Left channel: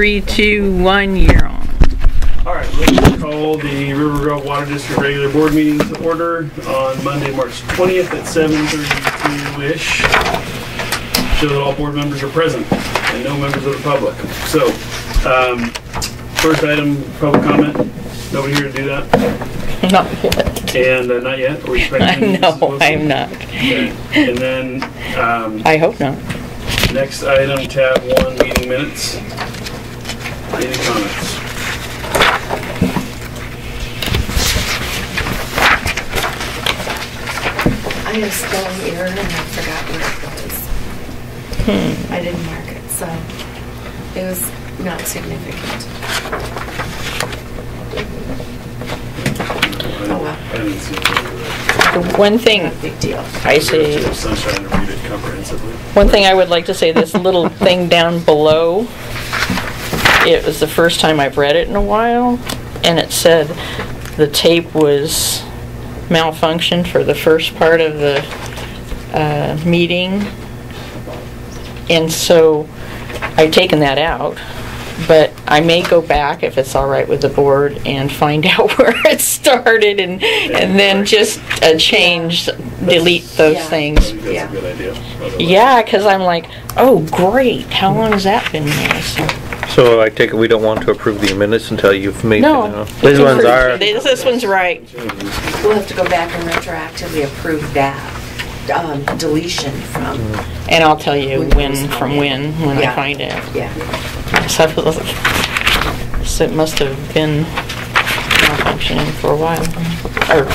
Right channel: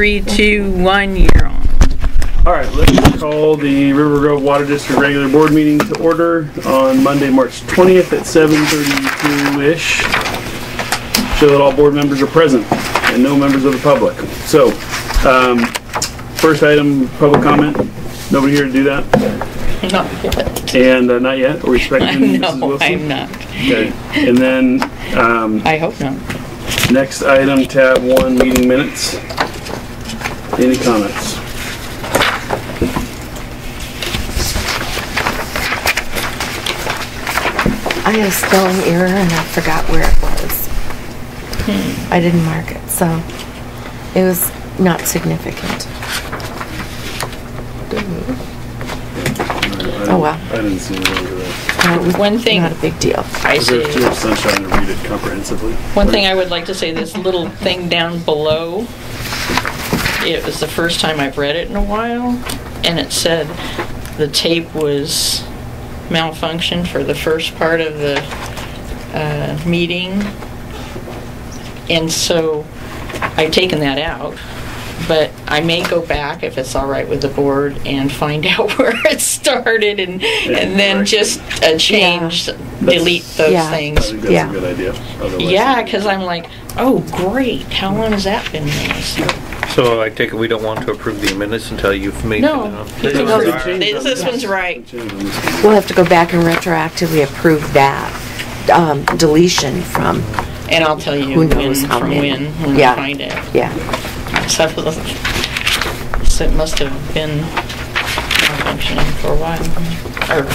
3, 2, 1, you're on. All right, let's call the Rivergrove Water District regular board meeting to order on Monday, March 20th at 7:32-ish. So that all board members are present and no members of the public. So, first item, public comment. Nobody here to do that? Not yet. And not yet? Are we expecting No, I'm not. Okay. And then... I hope not. Next item, tab 1, meeting minutes. Any comments? I had a spelling error and I forgot where it was. I didn't mark it, so it was not significant. Oh well. I didn't see it. One thing, Not a big deal. I say, Too much sunshine to read it comprehensively. one thing I would like to say, this little thing down below, it was the first time I've read it in a while, and it said the tape was malfunctioned for the first part of the meeting, and so I've taken that out. But I may go back, if it's all right with the board, and find out where it started, and then just change, delete those things. I think that's a good idea. Yeah, because I'm like, oh great, how long has that been missed? So I take it we don't want to approve the minutes until you've made No, These ones are. this one's right. We'll have to go back and retroactively approve that deletion from. And I'll tell you Who knows how when many. I find it. Yeah. So it must have been malfunctioning for a while. Or, I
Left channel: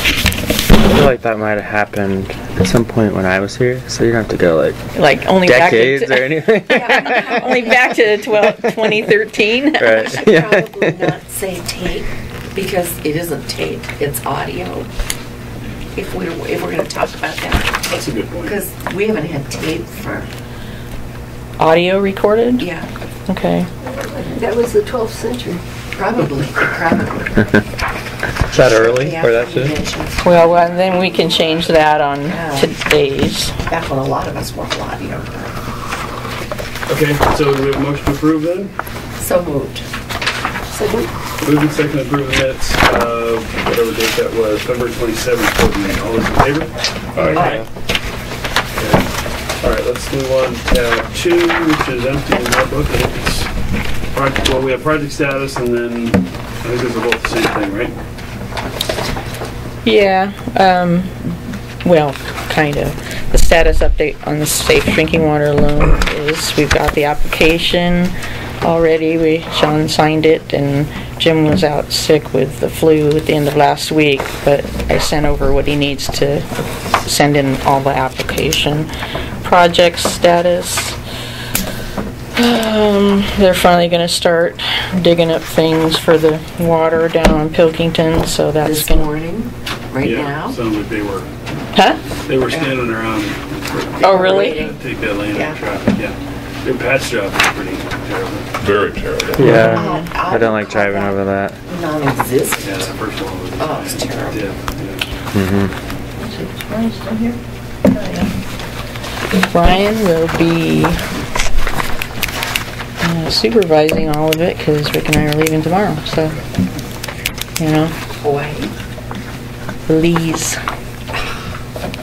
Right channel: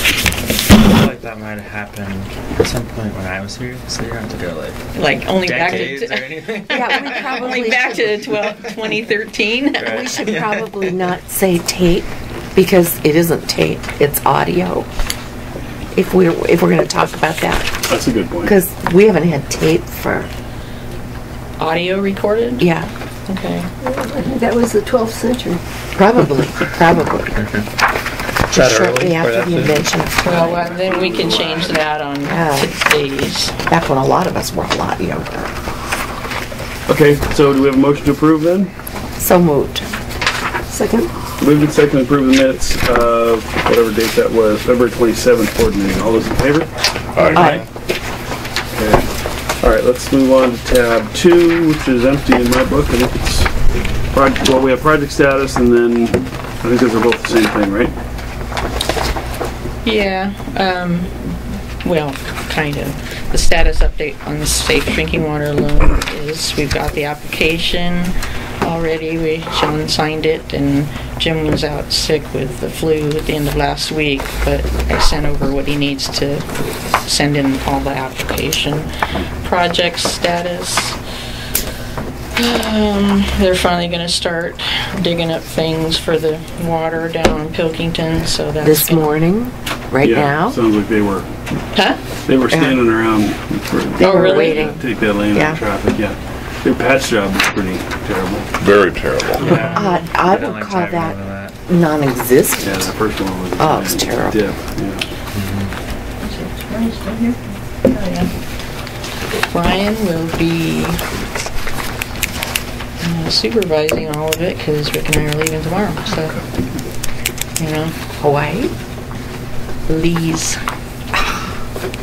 feel like that might have happened at some point when I was here, so you don't have to go like only decades back or to anything. Yeah, only back to 2013. We Right. should probably not say tape because it isn't tape; it's audio. If we're going to talk about that, That's a good point. because we haven't had tape for Audio recorded? yeah, Okay. That was the 12th century. probably. Is that early? Shortly Or after that's you it? mentioned Well, then we can change that on today's. back when a lot of us were a lot younger. Okay, so do we have a motion to approve then? So moved. Second? Moving and second to approve the minutes of whatever date that was, February 27th board meeting. All those in favor? Aye. Okay. All right, let's move on to tab 2, which is empty in that book. I think it's project, well, we have project status, and then I think those are both the same thing, right? Yeah, well, kind of. The status update on the safe drinking water loan is we've got the application already. Sean signed it, and Jim was out sick with the flu at the end of last week, but I sent over what he needs to send in all the application. Project status. They're finally going to start digging up things for the water down in Pilkington, so that's This morning, right now. Sounds like they were Huh? standing around. Oh, really? Waiting. Take that lane Yeah. of traffic, yeah. Their patch job is pretty terrible. Very terrible. Yeah, I would don't like call driving that over that. Non-existent. Yeah, the first one was. Oh, it's terrible. Yeah. Is it Brian still here? Oh, yeah. Brian will be supervising all of it because Rick and I are leaving tomorrow. So, you know, Hawaii. Belize.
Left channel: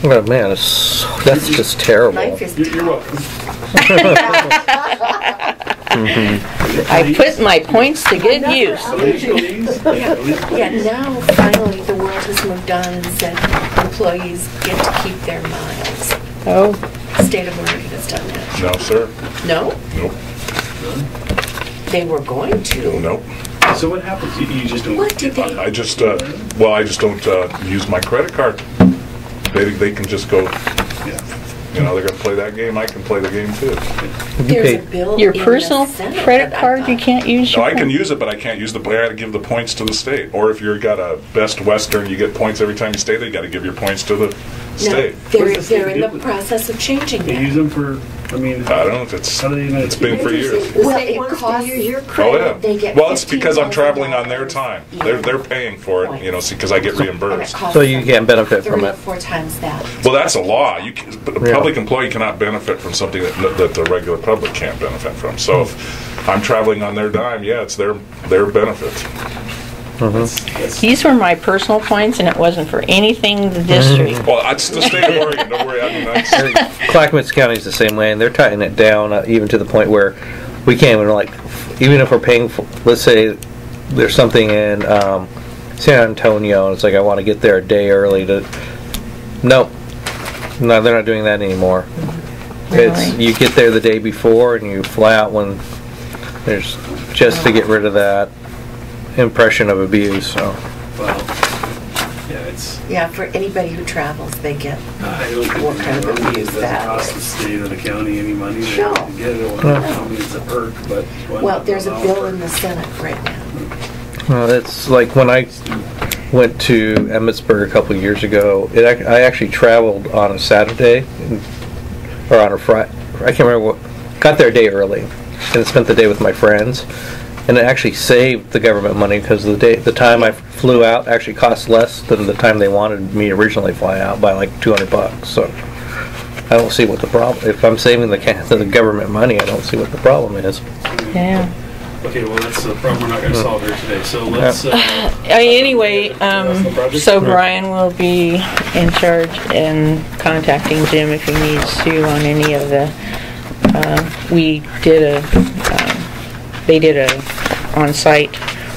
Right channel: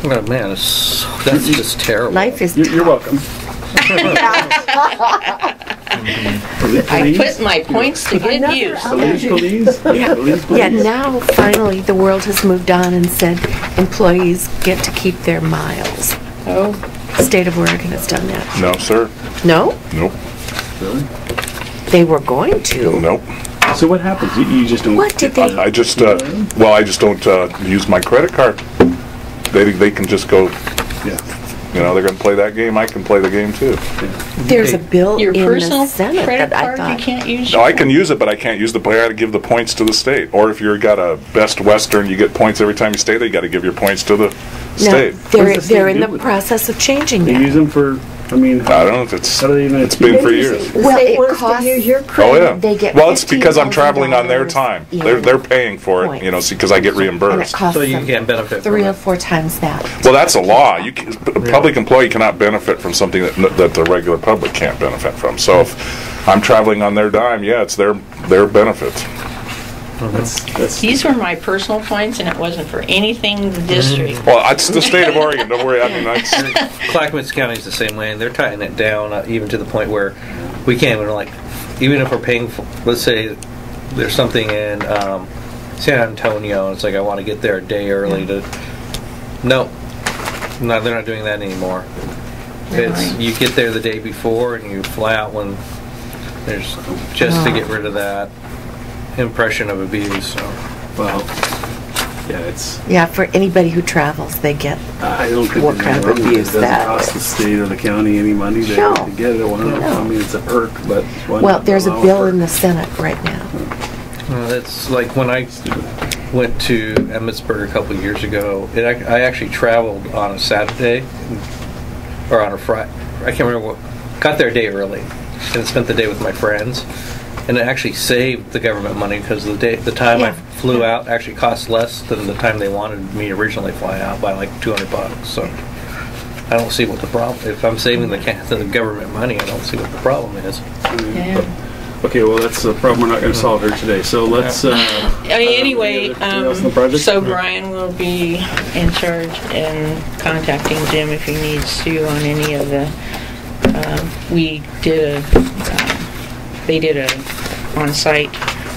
Oh man, that's just terrible. Life is You're welcome. I put my points to good use. Belize? Yeah, now finally the world has moved on and said employees get to keep their miles. Oh, The state of Oregon has done that. No, sir. No? Nope. They were going to. Nope. So what happens? You just don't. What did they? I just, well, I just don't use my credit card. They can just go, Yeah. you know, they're going to play that game. I can play the game too. There's a bill your in personal the Senate credit that I card you thought- can't use. No, your I can phone. use it, but I can't use the. I got to give the points to the state. Or if you've got a Best Western, you get points every time you stay there. You got to give your points to the No, state. What they're, does the state they're in do the with it? process of changing They that. use them for, I mean, I don't know if it's. how do they even? It's been for years. The Well, state it wants to costs- use your Oh credit. yeah. They get Well, it's because I'm traveling on their $15,000. time. Yeah. They're paying for it, you know, because I get And it reimbursed. costs So you them can't benefit from 3 or it. 4 times that. Well, that's a law. You can, a public employee cannot benefit from something that the regular public can't benefit from. So if I'm traveling on their dime. Yeah, it's their benefits. These were my personal points, and it wasn't for anything the district. Well, it's the state of Oregon. Don't worry. I mean, Clackamas County is the same way, and they're tightening it down even to the point where we can't even, like, even if we're paying for, let's say there's something in San Antonio, and it's like I want to get there a day early to. No, they're not doing that anymore. It's you get there the day before and you fly out when there's just to get rid of that impression of abuse. So. Well, yeah, it's. Yeah, for anybody who travels, they get I don't think what kind of abuse it doesn't that cost is. the state or the county any money to get it. I mean, it's a perk, but Well, there's a bill in the Senate right now. Well, it's like when I went to Emmitsburg a couple of years ago. I actually traveled on a Saturday or on a Friday. I can't remember what. Got there a day early and spent the day with my friends. And it actually saved the government money because the time I flew out actually cost less than the time they wanted me to originally fly out by like $200. So I don't see what the problem. If I'm saving the government money, I don't see what the problem is. Yeah. Okay, well that's a problem we're not going to solve here today. So let's. Anyway, so Brian will be in charge and contacting Jim if he needs to on any of the. They did a on-site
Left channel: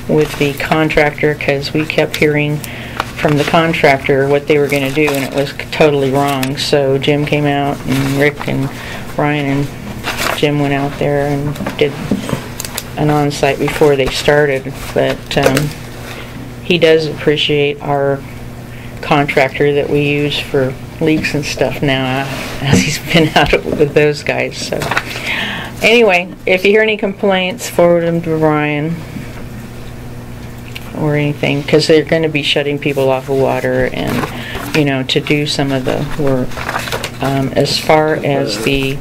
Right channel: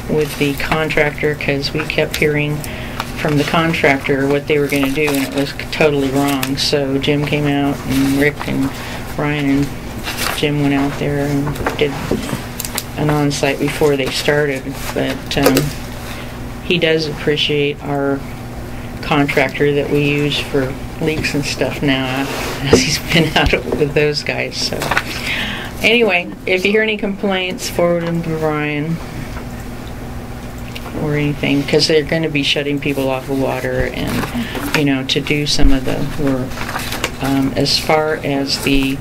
with the contractor because we kept hearing from the contractor what they were going to do, and it was totally wrong. So Jim came out, and Rick and Brian and Jim went out there and did an on-site before they started. But he does appreciate our contractor that we use for leaks and stuff now, as he's been out with those guys. So anyway, if you hear any complaints, forward them to Brian or anything, because they're going to be shutting people off of water and, you know, to do some of the work. As far as the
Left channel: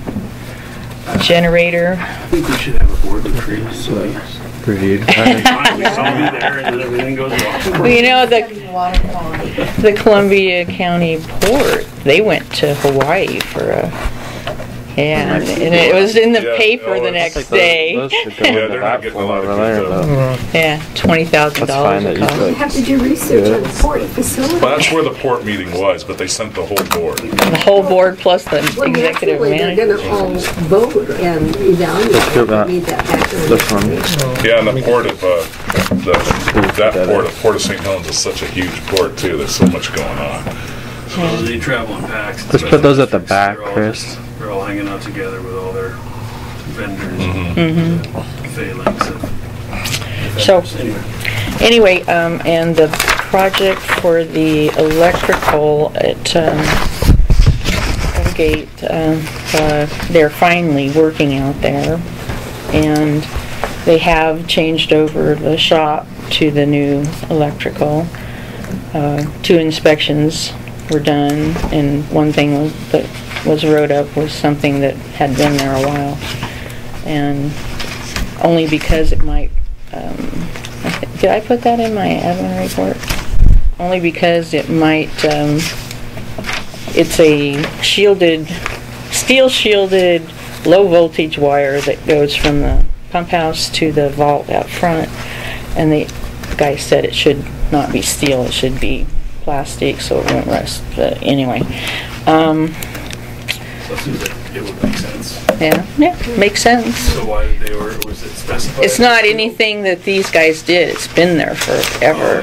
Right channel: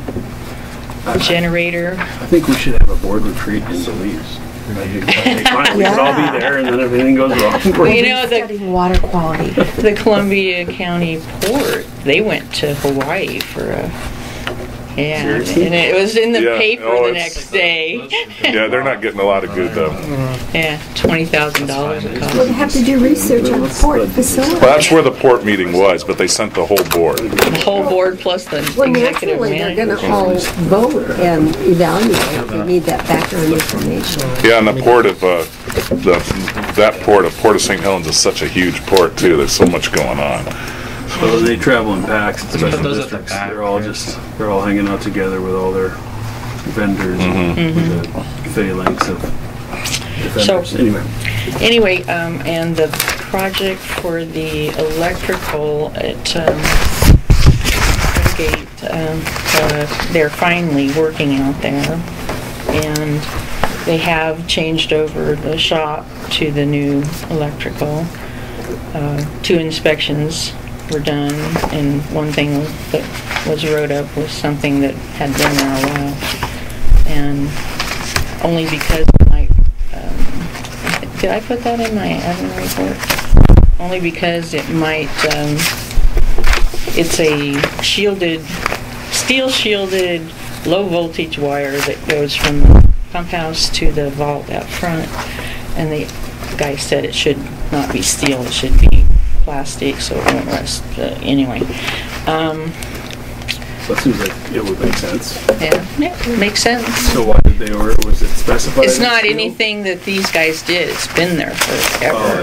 generator, I think we should have a board retreat. So we can all be there, and then everything goes wrong. well, you know, Water quality. the Columbia County Port, they went to Hawaii for a. Yeah, and it was in the paper the next day. Yeah, they're not getting a lot of good stuff. Yeah, $20,000 it We'll cost. have to do research on the port facility. Well, that's where the port meeting was, but they sent the whole board. The whole board plus the Well, executive naturally, they're manager. going to all vote and evaluate. They need that background information. Yeah, and the port of Port of St. Helens is such a huge port too. There's so much going on. Well, they travel in packs. Let's put those at the back, They're all hanging out together with all their vendors Mm-hmm. and the phalanx of So- vendors. Anyway, and the project for the electrical at Gate, they're finally working out there, and they have changed over the shop to the new electrical. 2 inspections were done, and one thing that was wrote up was something that had been there a while, and only because it might, did I put that in my admin report? Only because it might, it's a steel shielded, low voltage wire that goes from the pump house to the vault out front, and the guy said it should not be steel, it should be plastic so it won't rust. But anyway, That seems like it would make sense. yeah, makes sense. So why did they order? Was it specified? It's not as steel? anything that these guys did. It's been there forever.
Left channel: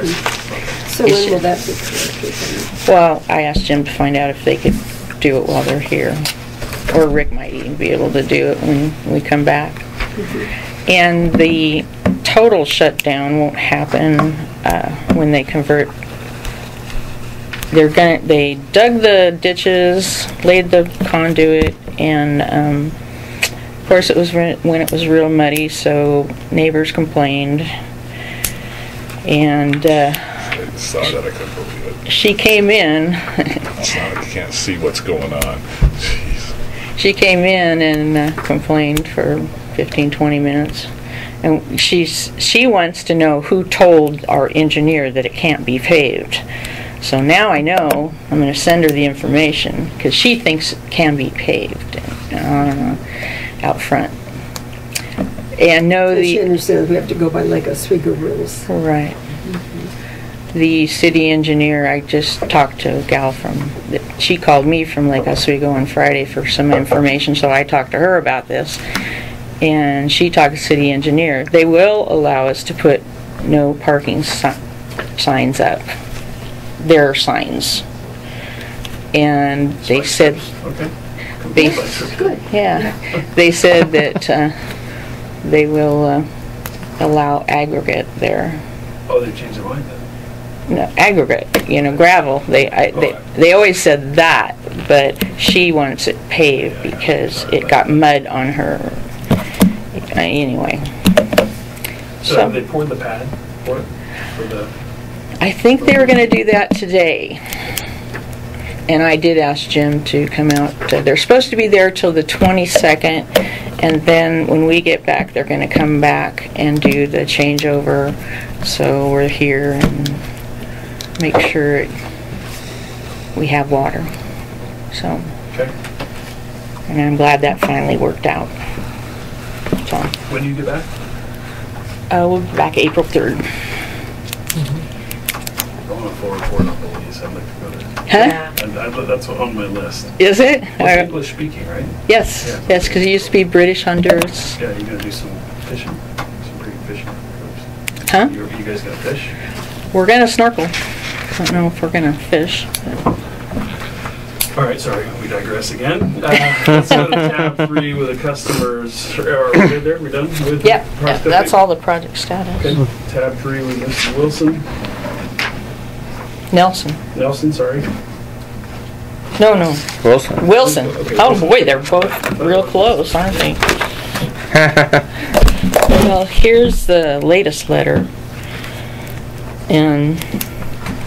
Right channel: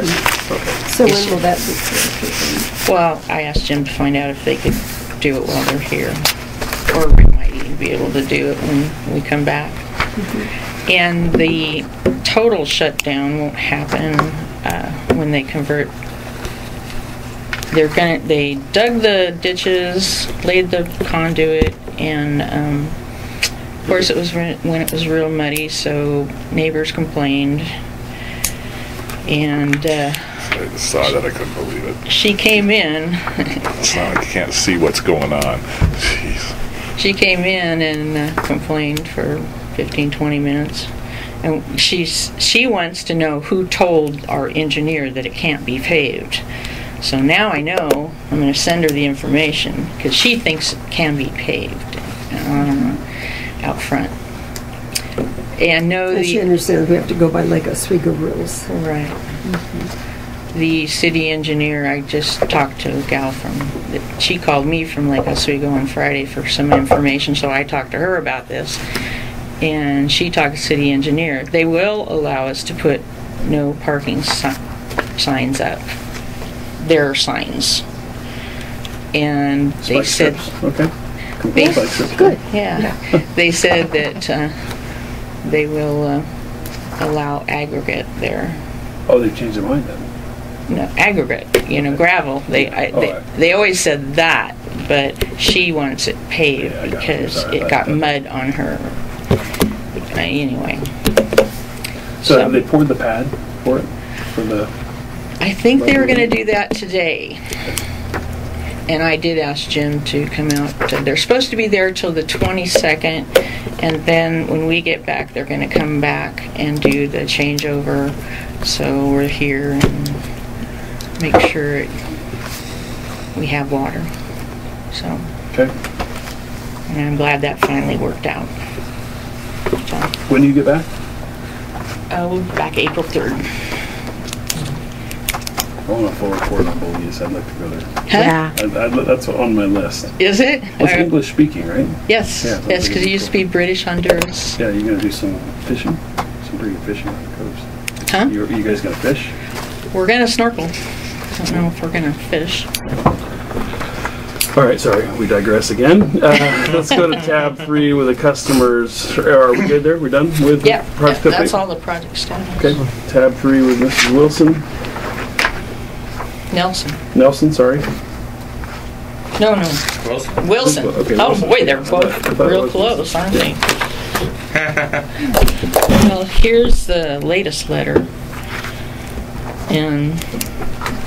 Okay. So when will that be completed? Well, I asked Jim to find out if they could do it while they're here. Or Rick might even be able to do it when we come back. And the total shutdown won't happen when they convert. They dug the ditches, laid the conduit, and of course it was when it was real muddy, so neighbors complained. And I saw that, I couldn't believe it. she came in. It's not like you can't see what's going on. Jeez. She came in and complained for 15-20 minutes. And she wants to know who told our engineer that it can't be paved. So now I know I'm going to send her the information because she thinks it can be paved out front. And no, And she understands we have to go by Lake Oswego rules. right. The city engineer, I just talked to a gal she called me from Lake Oswego on Friday for some information, so I talked to her about this. And she talked to the city engineer. They will allow us to put no parking signs up. Their signs. And they Spike said... strips. Okay. They, Spike strips. Good. yeah. They said that they will allow aggregate there. Oh, they changed their mind then. No, aggregate, gravel. They always said that, but she wants it paved Yeah, because sorry it about got that. mud on her. Anyway. So they poured the pad for it? For the... I think they were going to do that today. And I did ask Jim to come out. They're supposed to be there till the 22nd, and then when we get back, they're going to come back and do the changeover. So we're here and make sure we have water. So, Okay. and I'm glad that finally worked out. So, When do you get back? we'll be back April 3rd. I want to forward for Napoleon. I'd like to go there. Huh? Yeah. That's on my list. Is it? Well, it's English speaking, right? Yes, Yeah, yes, because it used to be British Honduras. Yeah, you're going to do some fishing? Some pretty good fishing on the coast. Huh? You guys going to fish? We're going to snorkel. Don't know if we're going to fish. All right, sorry, we digress again. Let's go to tab 3 with the customers. Are we good there? We're done with Yeah, project that's update? all the project status. Okay, tab 3 with Mrs. Wilson. Nelson, sorry. No. Wilson. Okay, Oh Wilson. boy, they're I both thought it real was- close, aren't they? Well, here's the latest letter. And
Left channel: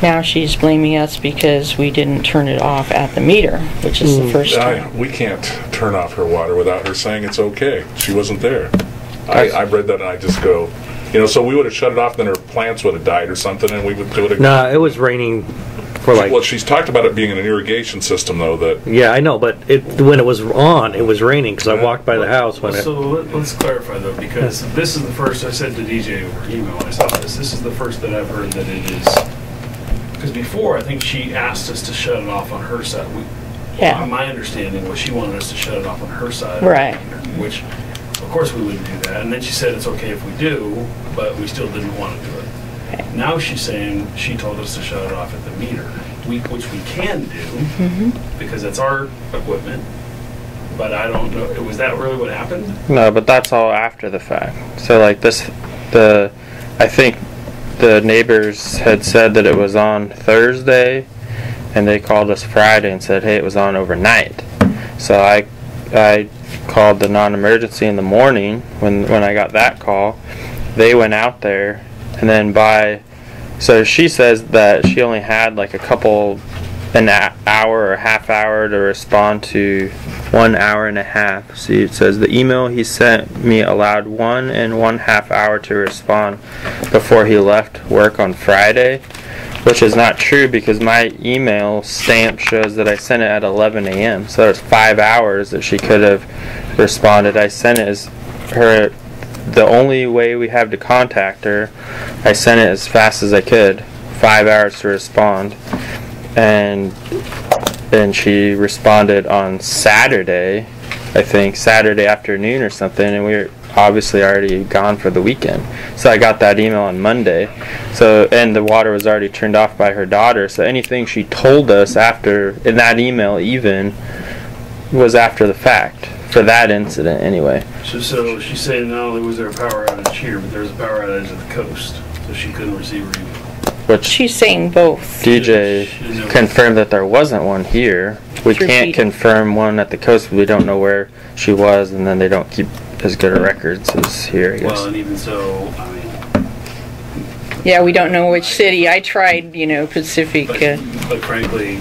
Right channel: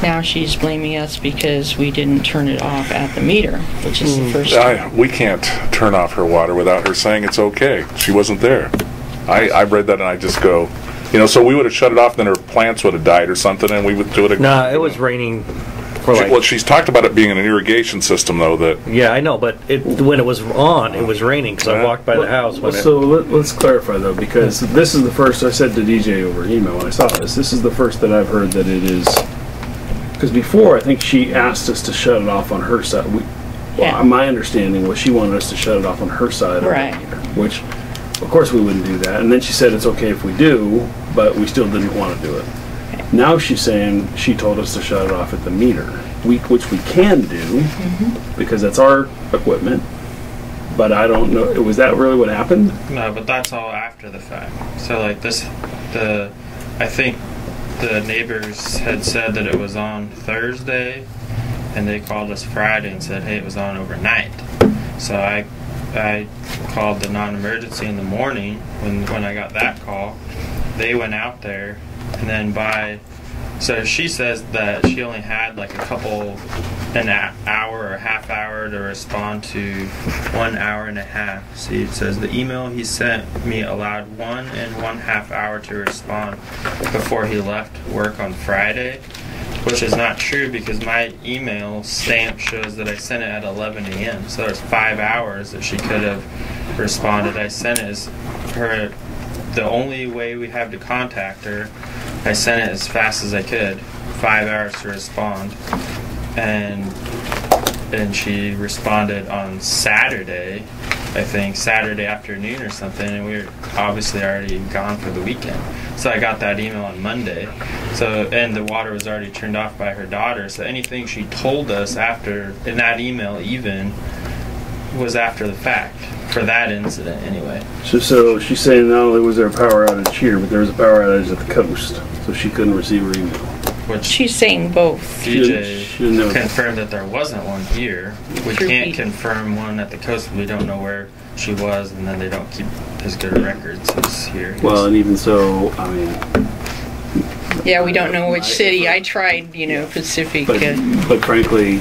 now she's blaming us because we didn't turn it off at the meter, which is the first time. We can't turn off her water without her saying it's okay. She wasn't there. I read that and I just go, so we would have shut it off, then her plants would have died or something, and we would do it again. No, it was raining for Well, she's talked about it being an irrigation system, though, that... Yeah, I know, but when it was on, it was raining because I walked by the house when So let's clarify though, because this is the first, I said to DJ over email when I saw this is the first that I've heard that it is, because before I think she asked us to shut it off on her side. Yeah. My understanding was she wanted us to shut it off on her side. Right. Which, of course we wouldn't do that. And then she said it's okay if we do, but we still didn't want to do it. Now she's saying she told us to shut it off at the meter, which we can do because that's our equipment. But I don't know. Was that really what happened? No, but that's all after the fact. So like I think the neighbors had said that it was on Thursday, and they called us Friday and said, hey, it was on overnight. So I called the non-emergency in the morning when I got that call. They went out there, and then so she says that she only had like an hour or half hour to respond to 1 hour and a half. See, it says the email he sent me allowed 1.5 hours to respond before he left work on Friday, which is not true because my email stamp shows that I sent it at 11 a.m. So there's 5 hours that she could have responded. I sent it as the only way we have to contact her. I sent it as fast as I could, 5 hours to respond. And then she responded on Saturday, I think, Saturday afternoon or something, and we were obviously already gone for the weekend. So I got that email on Monday. And the water was already turned off by her daughter, so anything she told us in that email even, was after the fact, for that incident anyway. So she's saying not only was there a power outage here, but there was a power outage at the coast, so she couldn't receive her email. Which She's saying both. DJ She didn't know. confirmed that there wasn't one here. We Through can't Pete. confirm one at the coast. We don't know where she was, and then they don't keep as good a records as here. I guess. Well, and even so, I mean, Yeah, we don't know which city. I tried, Pacific. but frankly,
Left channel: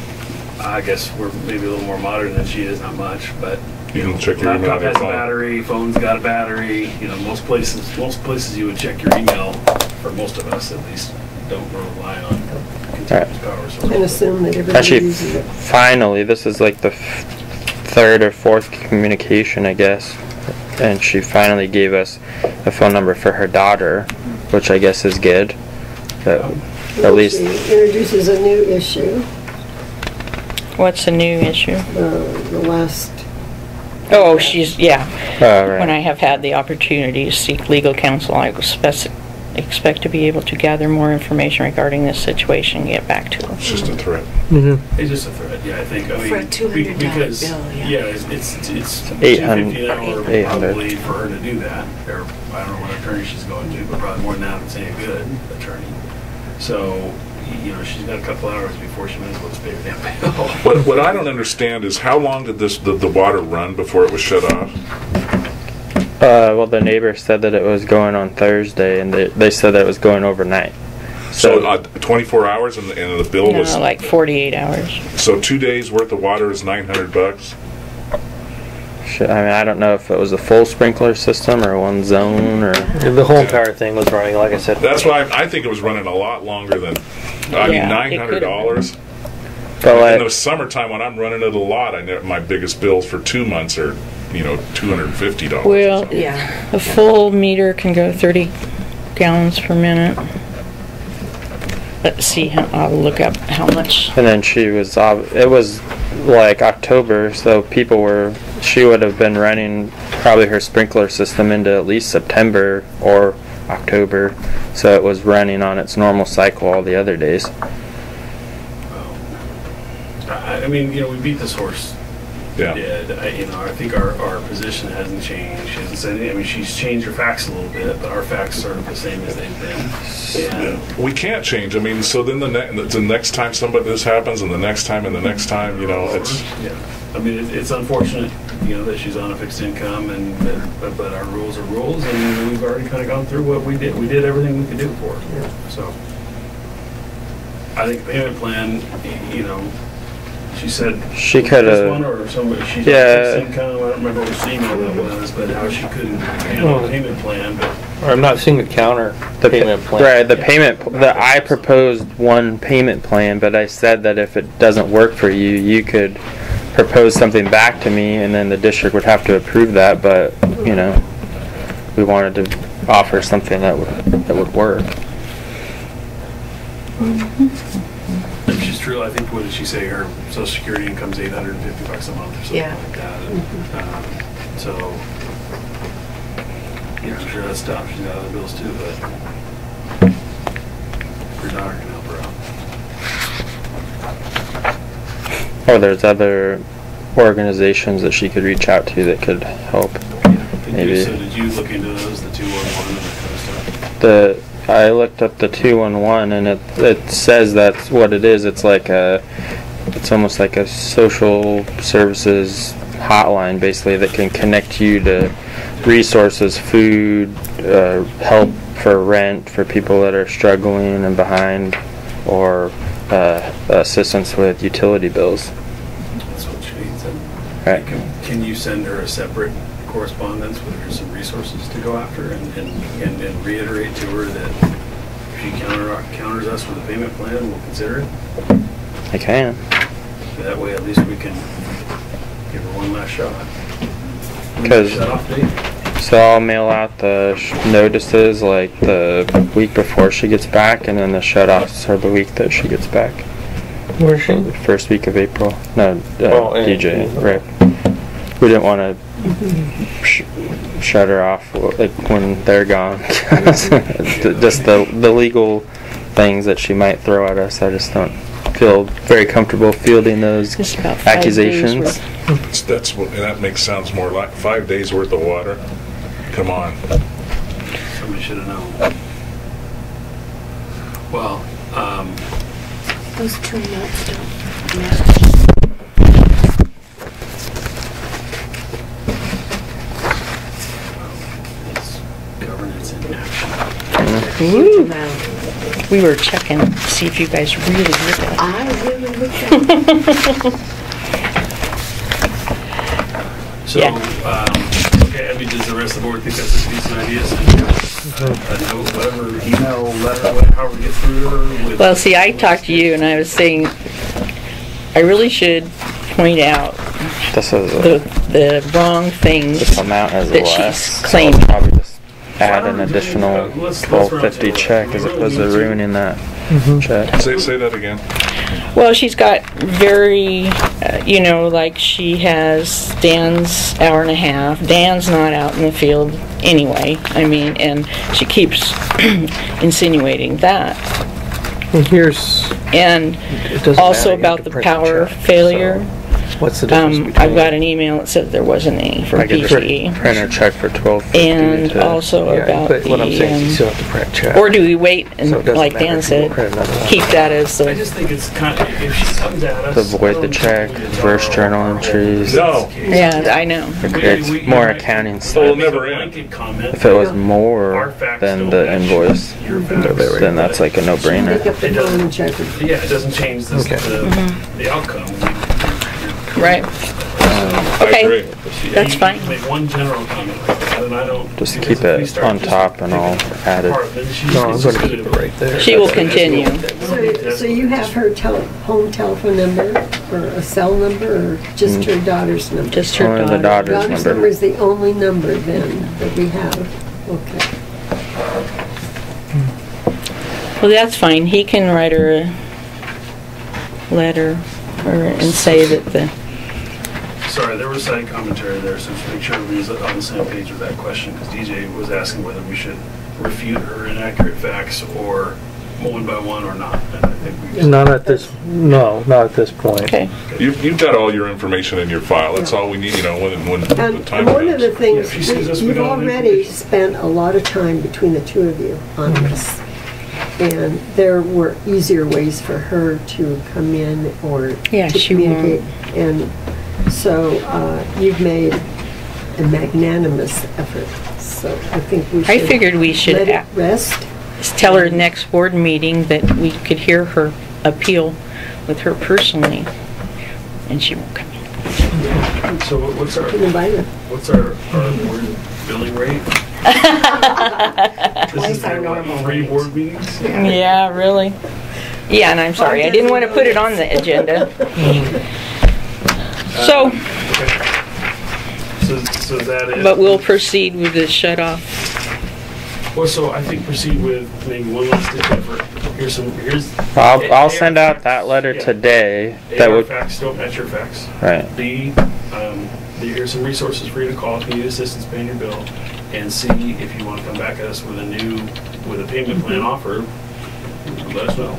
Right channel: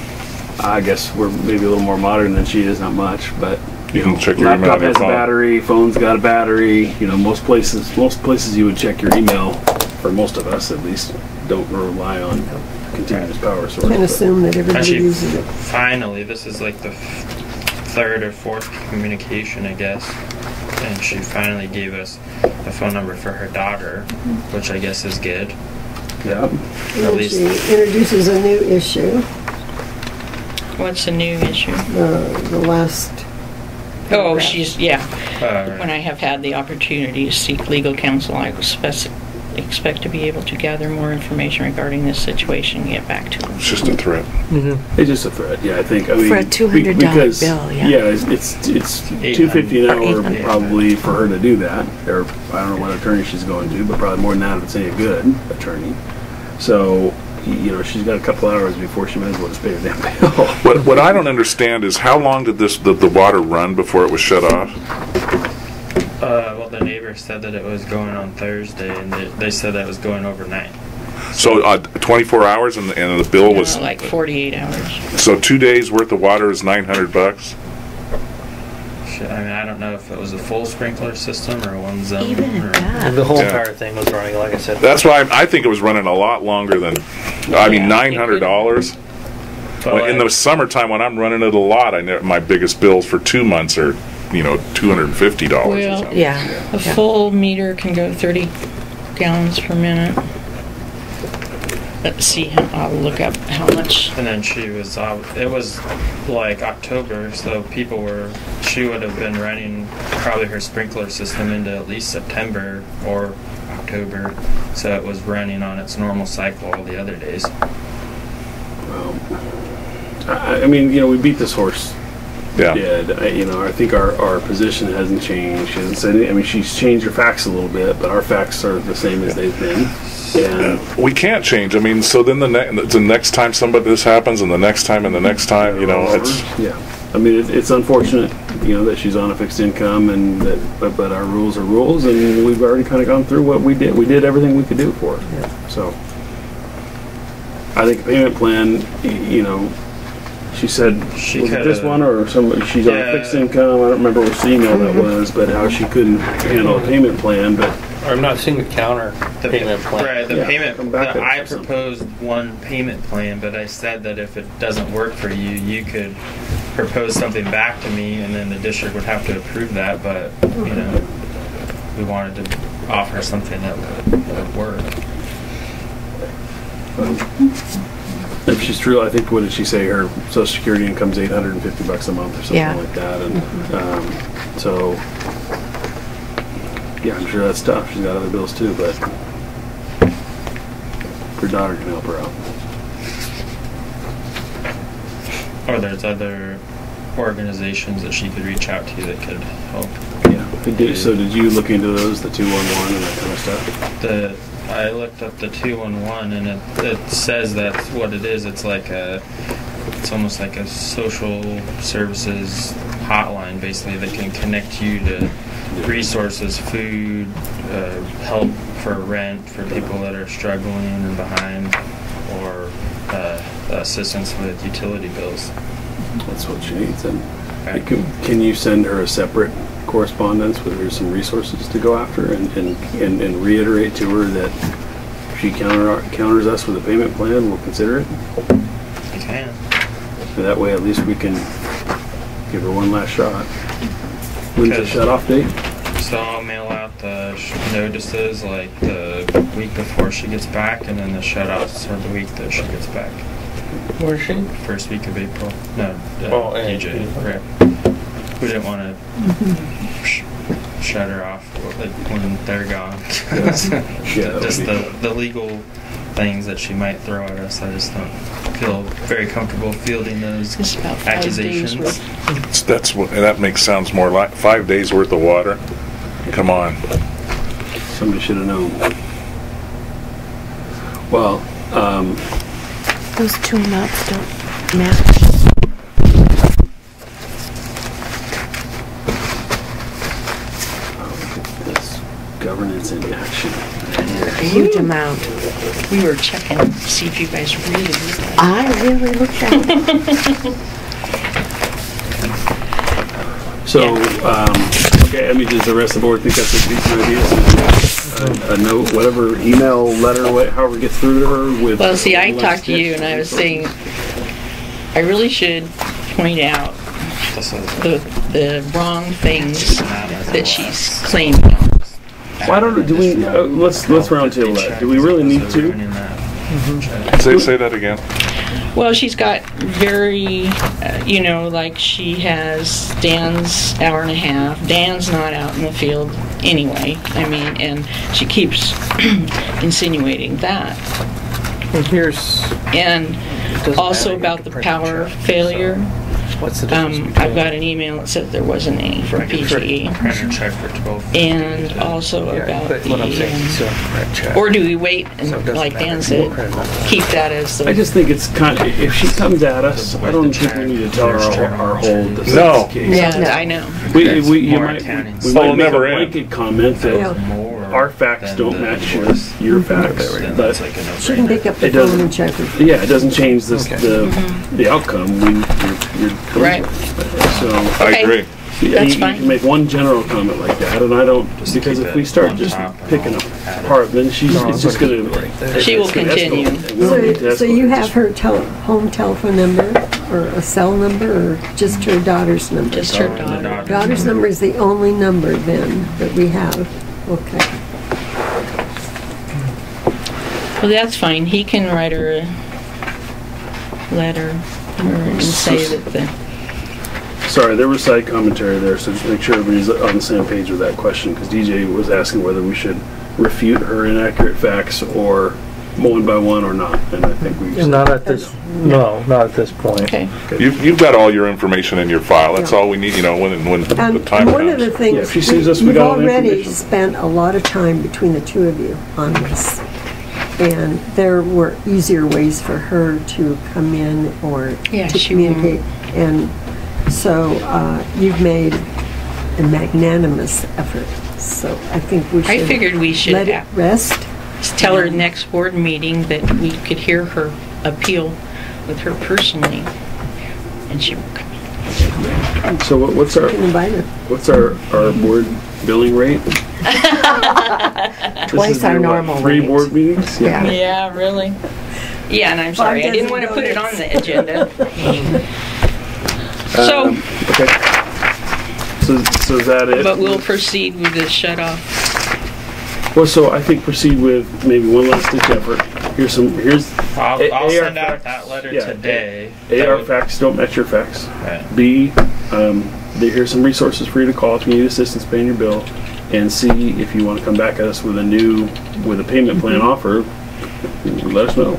I guess we're maybe a little more modern than she is, not much, but You can check your email laptop on your has a phone. battery, phone's got a battery. Most places you would check your email, for most of us at least, don't rely on continuous power source. And assume that everybody Actually, uses it. finally, this is like the third or fourth communication, I guess. And she finally gave us a phone number for her daughter, which I guess is good. But at least She introduces a new issue. What's the new issue? The last. Oh, she's, yeah. right. When I have had the opportunity to seek legal counsel, I expect to be able to gather more information regarding this situation and get back to them. It's just a threat. It's just a threat. Yeah, I think. I mean, For a $200 because, bill, yeah. it's $250 an hour 800. probably for her to do that. Or I don't know what attorney she's going to, but probably more than that if it's any good attorney. So, she's got a couple hours before she might as well just pay her damn bill. What I don't understand is how long did the water run before it was shut off? Well, the neighbor said that it was going on Thursday, and they said that it was going overnight. So 24 hours, and the bill was like 48 hours. So 2 days worth of water is $900. I mean, I don't know if it was a full sprinkler system or one zone or. The whole entire thing was running, like I said. That's why I think it was running a lot longer than. I mean, $900. But in the summertime when I'm running it a lot, my biggest bills for 2 months are, $250. Well, Yeah. a full meter can go 30 gallons per minute. Let's see, I'll look up how much. And then it was like October, so she would have been running probably her sprinkler system into at least September or October, so it was running on its normal cycle all the other days. I mean, we beat this horse Yeah. dead. I think our position hasn't changed. She hasn't said anything. I mean, she's changed her facts a little bit, but our facts are the same as they've been. And We can't change. I mean, so then the next time this happens, and the next time, and the next time, it's. Yeah. I mean, it's unfortunate, that she's on a fixed income, and but our rules are rules, and we've already kind of gone through what we did. We did everything we could do for her. Yeah. So, I think the payment plan, she said She was it coulda- this one or somebody. She's on fixed income. I don't remember which email that was, but how she couldn't handle a payment plan, but. I'm not seeing the counter payment plan. Right, the Yeah. payment. Come back I with something. proposed one payment plan, but I said that if it doesn't work for you, you could propose something back to me, and then the district would have to approve that. But we wanted to offer something that would work. If she's true, I think, what did she say? Her Social Security income's $850 a month or something Yeah. like that. And so, yeah, I'm sure that's tough. She's got other bills too, but her daughter can help her out. Or there's other organizations that she could reach out to that could help. Yeah. Maybe. So did you look into those, the 211 and that kind of stuff? I looked up the 211, and it says that's what it is. It's almost like a social services hotline, basically, that can connect you to resources, food, help for rent for people that are struggling and behind, or assistance with utility bills. That's what she needs. Then. Right. Can you send her a separate correspondence with her some resources to go after, and reiterate to her that if she counters us with a payment plan, we'll consider it? I can. That way, at least we can give her one last shot. When's the Because- shut-off date? So I'll mail out the notices like the week before she gets back, and then the shut-offs are the week that she gets back. Where's she? First week of April. No, DJ. yeah. Right. We didn't want to shut her off when they're gone. Just the legal things that she might throw at us. I just don't feel very comfortable fielding those It's about 5 days accusations. worth. That sounds more like 5 days worth of water. Come on. Somebody should have known. Well, Those two nuts don't match. it's governance in action. Huge amount. We were checking to see if you guys really looked at it. I really looked at it. So, Yeah. okay, I mean, does the rest of the board think that's a decent idea? So, a note, whatever, email, letter, however it gets through to her with... Well, see, I talked to you, and I was saying I really should point out This is the wrong things amount as that less, she's so claiming. I'll probably just add an additional let's round table that. check Do we as really opposed need to to? ruining that check. Say that again. Well, she's got very, like she has Dan's hour and a half. Dan's not out in the field anyway. I mean, and she keeps insinuating that. And here's... And it doesn't also matter, you have about to the print power check, failure. so what's the difference between... I've got an email that says there wasn't any for I could PCE. print a check for $12.50 And to- also about but what I'm saying is you the... still have to print check. Or do we wait and, So it doesn't like matter Dan if you said, print another one. keep that as I the... just think it's kind of, if she comes at us, To avoid I don't the think check, we need to tell her reverse journal our whole entries. business No. case. Yeah, I know. It's more might- accounting We stuff. might make a never end. blanket comment If it was that more our facts than don't the match invoice, your facts. then that's like a She can pick no-brainer. up the It doesn't- phone and check her. Yeah, it doesn't change Okay. the outcome. You're Right. So, I Okay. agree. That's you fine. can make one general comment like that, and I don't Just because keep if we it start on just top and picking I'll add it. apart, then she's No, I'm it's going just to keep it right there. She will that's- that's continue. what- we don't need to So you escalate have her home telephone number or a cell number or just her daughter's number? Just her Only the daughter. Daughter's number is the only number then that we have. Okay. Well, that's fine. He can write her a letter and say that the... Sorry, there was side commentary there, so just make sure everybody's on the same page with that question, because DJ was asking whether we should refute her inaccurate facts or one by one or not, and I think we... Not at this, no, not at this point. Okay. You've got all your information in your file. That's all we need, when the And time one of the comes. things, Yeah, if she sees us, we you've got all the already information. spent a lot of time between the two of you on this. And there were easier ways for her to come in or Yeah, to she communicate. And so you've made a magnanimous effort. So I think we should I figured we should let it rest. tell her next board meeting that we could hear her appeal with her personally, and she won't come in. So what's our Can invite her. board billing rate? Twice our normal 3 rate. board meetings? Yeah. Yeah, really? Yeah, and I'm sorry, I didn't want to put it on the agenda. So, Okay. So is that it? but we'll proceed with the shut off. Well, so I think proceed with maybe one last ditch effort. Here's I'll AR send out facts. that letter Yeah. today. That AR would, facts don't match your facts. right. B, here's some resources for you to call if you need assistance paying your bill. And C, if you want to come back at us with a payment plan offer, let us know.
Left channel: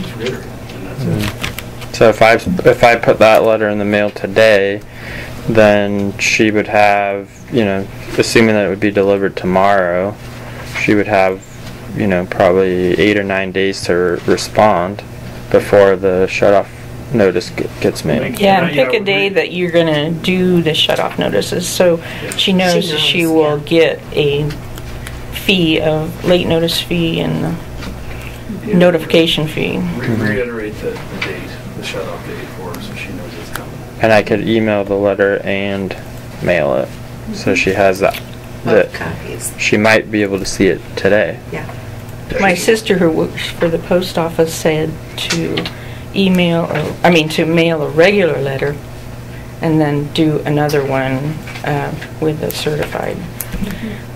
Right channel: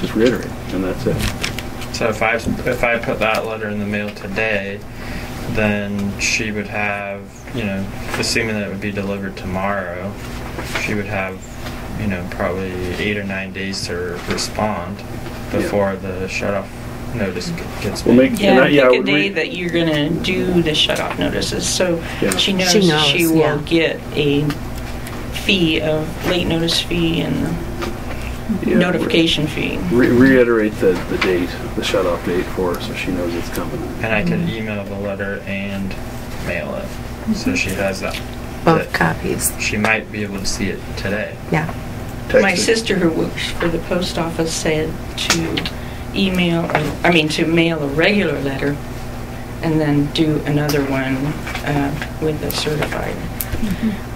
Just reiterate, and that's it. So if I put that letter in the mail today, then she would have, assuming that it would be delivered tomorrow, she would have, probably 8 or 9 days to respond before the shut-off notice gets made. Yeah, pick a day that you're gonna do the shut off notices, so Yeah. she knows she will get a fee, a late notice fee and Yeah, notification fee. Reiterate the date, the shut-off date for her so she knows it's coming. And I could email the letter and mail it, so she has that. Both copies. She might be able to see it today. Yeah. My Text it. sister who works for the post office said to mail a regular letter and then do another one with a certified.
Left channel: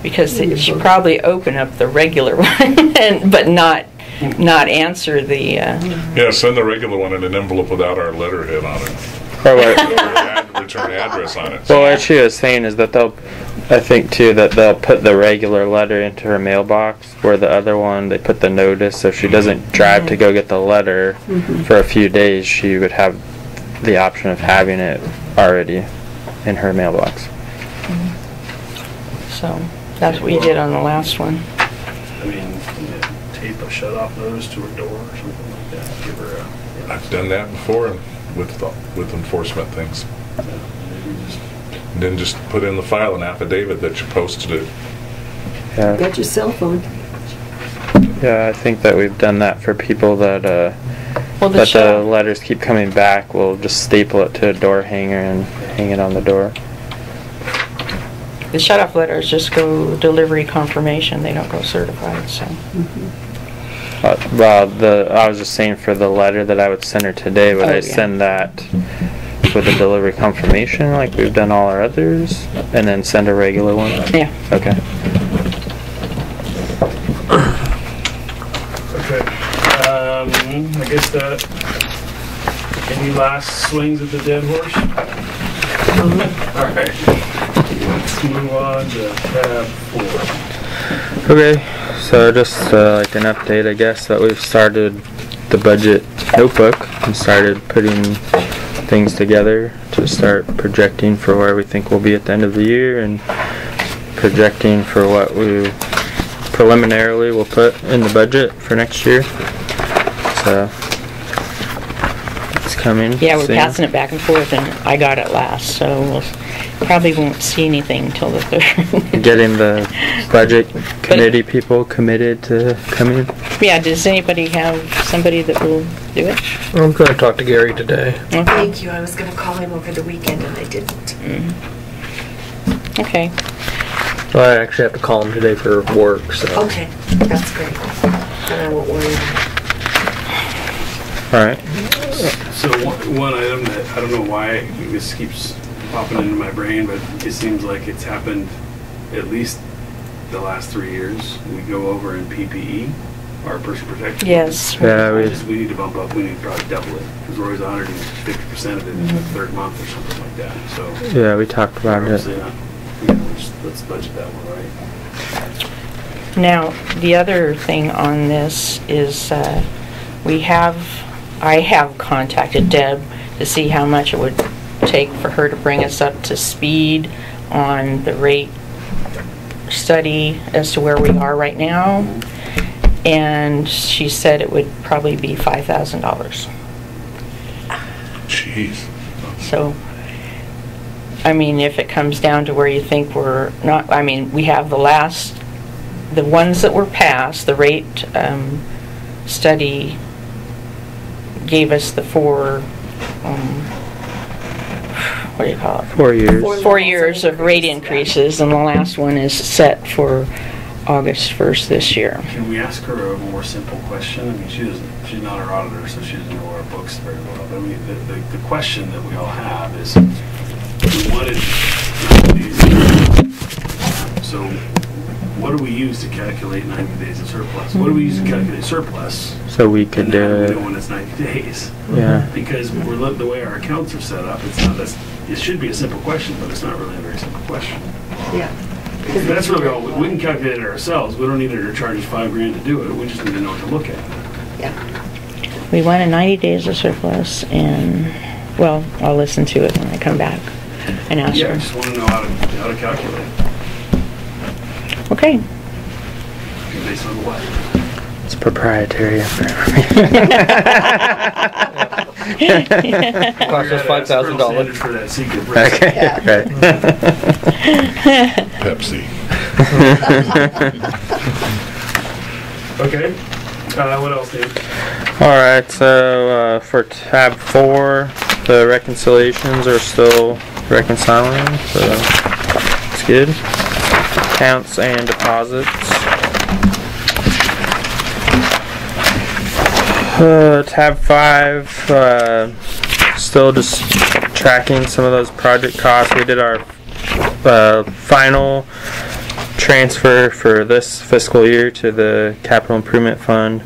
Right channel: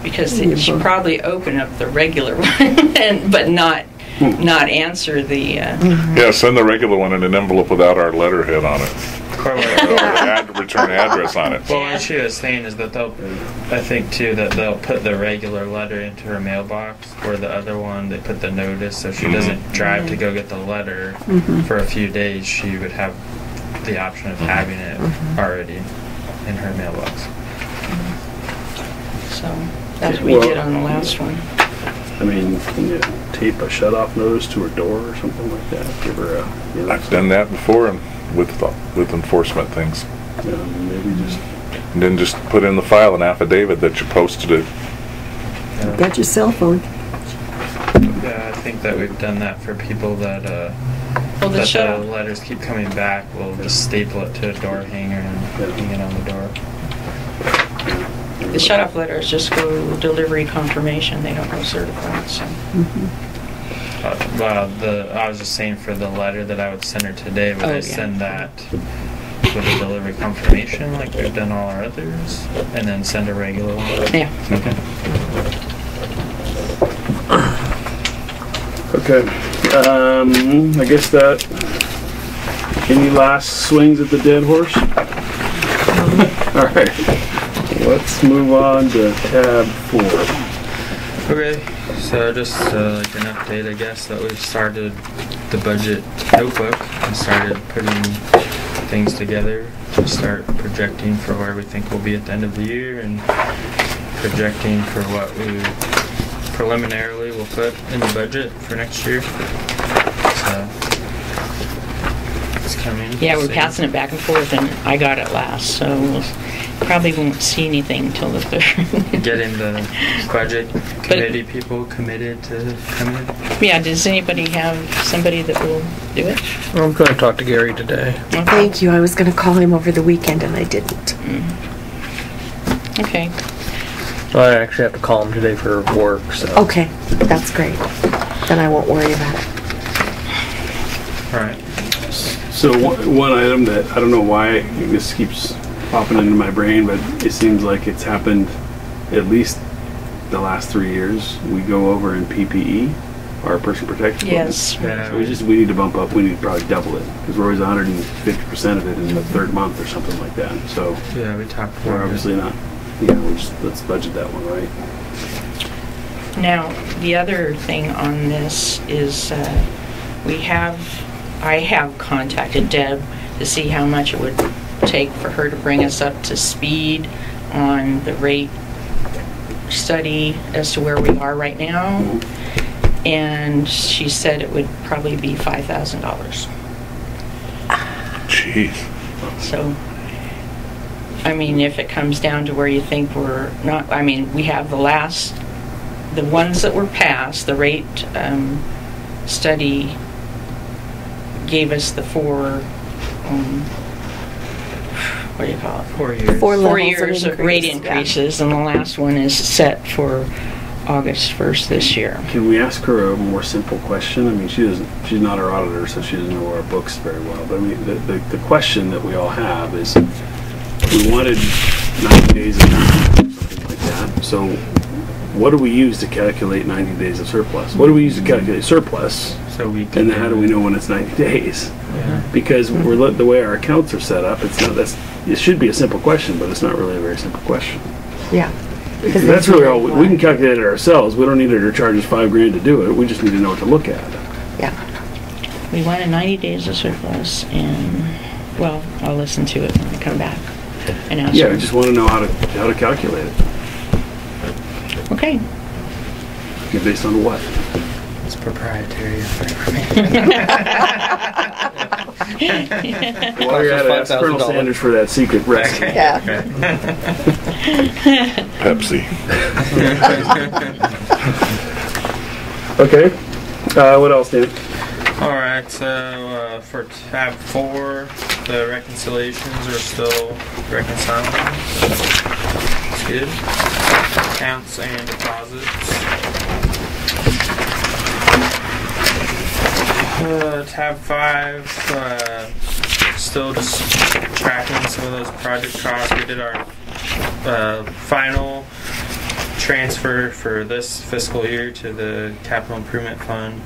Because she'd probably open up the regular one but not answer the... Yeah, send the regular one in an envelope without our letterhead on it. Or the return address on it. Well, what she was saying is that I think too, that they'll put the regular letter into her mailbox, where the other one, they put the notice, so if she doesn't drive to go get the letter for a few days, she would have the option of having it already in her mailbox. So that's what we did on the last one. I mean, can you tape a shut-off notice to her door or something like that? Give her a... I've done that before and with enforcement things. Maybe just... And then just put in the file an affidavit that you posted it. Yeah. Got your cell phone. Yeah, I think that we've done that for people that Well, the shut-off- letters keep coming back. We'll just staple it to a door hanger and hang it on the door. The shut-off letters just go delivery confirmation. They don't go certified, so... I was just saying for the letter that I would send her today, would I send that with a delivery confirmation like we've done all our others, and then send a regular one? Yeah. Okay. Okay. I guess that. Any last swings at the dead horse? All right. Let's move on to tab 4. Okay, so just like an update, I guess, that we've started the budget notebook and started putting things together to start projecting for where we think we'll be at the end of the year and projecting for what we preliminarily will put in the budget for next year. So it's coming. Yeah, we're soon. passing it back and forth, and I got it last, so we'll probably won't see anything till the 3rd. Getting the budget committee people committed to come in. Yeah, does anybody have somebody that will do it? I'm going to talk to Gary today. Okay. Thank you. I was going to call him over the weekend and I didn't. Okay. Well, I actually have to call him today for work, so. Okay, that's great. Then I won't worry about it. Alright. So one item that I don't know why this keeps popping into my brain, but it seems like it's happened at least the last 3 years. We go over in PPE, our personal protection. Yes. Yeah, We need to bump up. We need to probably double it because we're always 150% of it in the 3rd month or something like that. So Yeah, we talked we're about it. obviously not. Let's budget that one, right? Now, the other thing on this is I have contacted Deb to see how much it would take for her to bring us up to speed on the rate study as to where we are right now. And she said it would probably be $5,000. Jeez. So, I mean, if it comes down to where you think we're not, I mean, we have the ones that were passed, the rate study gave us the 4, what do you call it? 4 years. 4 years of rate increases, and the last one is set for August 1st this year. Can we ask her a more simple question? I mean, she's not our auditor, so she doesn't know our books very well. But I mean, the question that we all have is, we wanted 90 days of surplus. So what do we use to calculate 90 days of surplus? What do we use to calculate surplus? So we can And then how do we know do when it's 90 days? Yeah. Because the way our accounts are set up, it should be a simple question, but it's not really a very simple question. Yeah. That's really all. We can calculate it ourselves. We don't need her to charge us $5,000 to do it. We just need to know what to look at. Yeah. We wanted 90 days of surplus, and, well, I'll listen to it when I come back and ask Yeah, I her. just want to know how to calculate it. Okay. Based on what? It's proprietary. Cost us $5,000. Sanders for that secret recipe. Yeah. Pepsi. Okay. What else, Dan? Alright, so for tab 4, the reconciliations are still reconciling, so it's good. Accounts and deposits. Tab 5, still just tracking some of those project costs. We did our final transfer for this fiscal year to the capital improvement fund.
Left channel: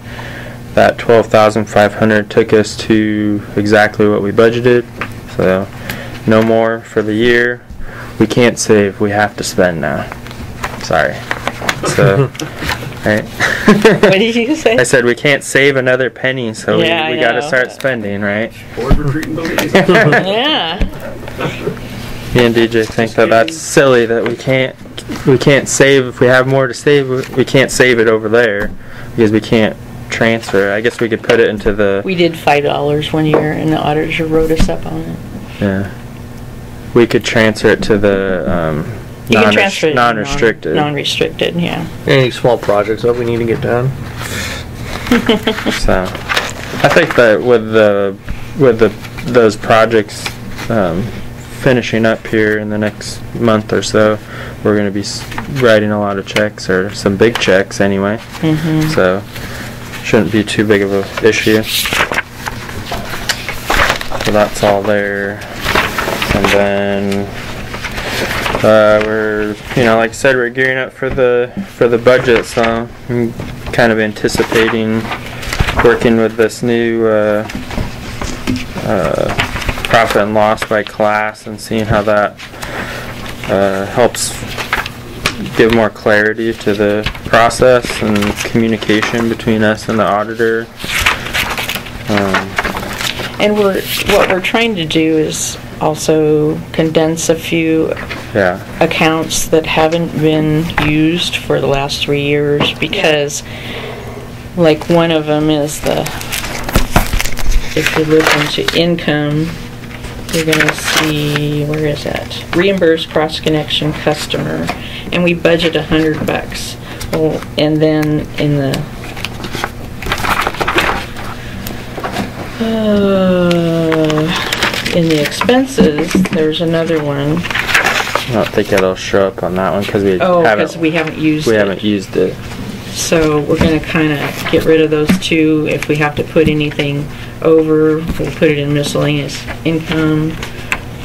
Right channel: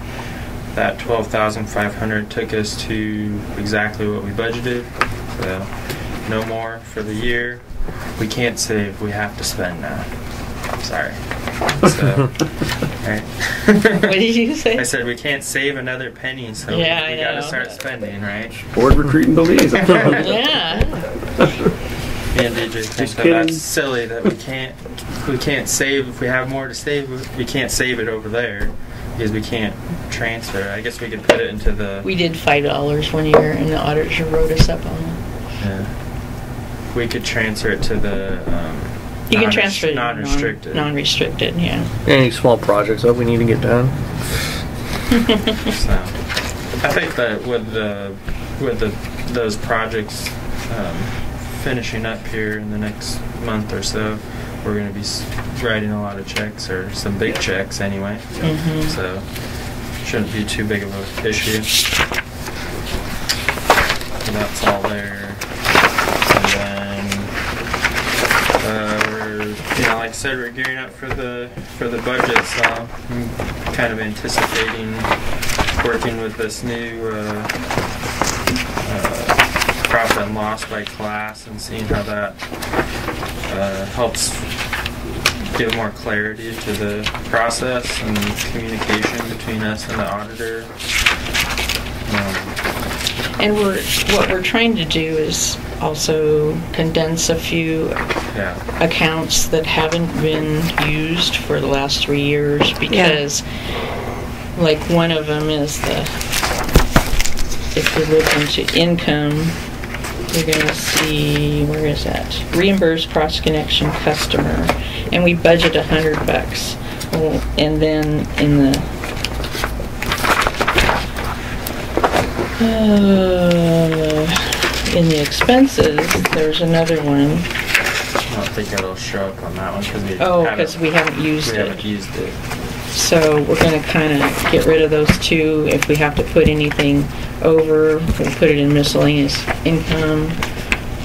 That $12,500 took us to exactly what we budgeted, so no more for the year. We can't save, we have to spend now. Sorry. So, right. What did you say? I said we can't save another penny, so Yeah, we I got to know. start spending, right? Board retreat and Belize. Yeah. Me and DJ think that that's silly that we can't save. If we have more to save, we can't save it over there because we can't transfer. I guess we could put it into the. We did $5 one year, and the auditor wrote us up on it. Yeah. We could transfer it to the You can transfer it to non-restricted. Non-restricted, yeah. Any small projects that we need to get done? So, I think that with those projects finishing up here in the next month or so, we're going to be writing a lot of checks, or some big checks anyway. Mm-hmm. So, shouldn't be too big of an issue. So that's all there. And then We're, like I said, we're gearing up for the budget, so I'm kind of anticipating working with this new profit and loss by class and seeing how that helps give more clarity to the process and communication between us and the auditor. And what we're trying to do is also condense a few accounts that haven't been used for the last 3 years, because like one of them is if you look into income, you're going to see, where is that? Reimbursed cross-connection customer. And we budget $100. Well, and then in the expenses, there's another one. I don't think it'll show up on that one because we haven't used it. We haven't used it. So we're going to kind of get rid of those two. If we have to put anything over, we'll put it in miscellaneous income.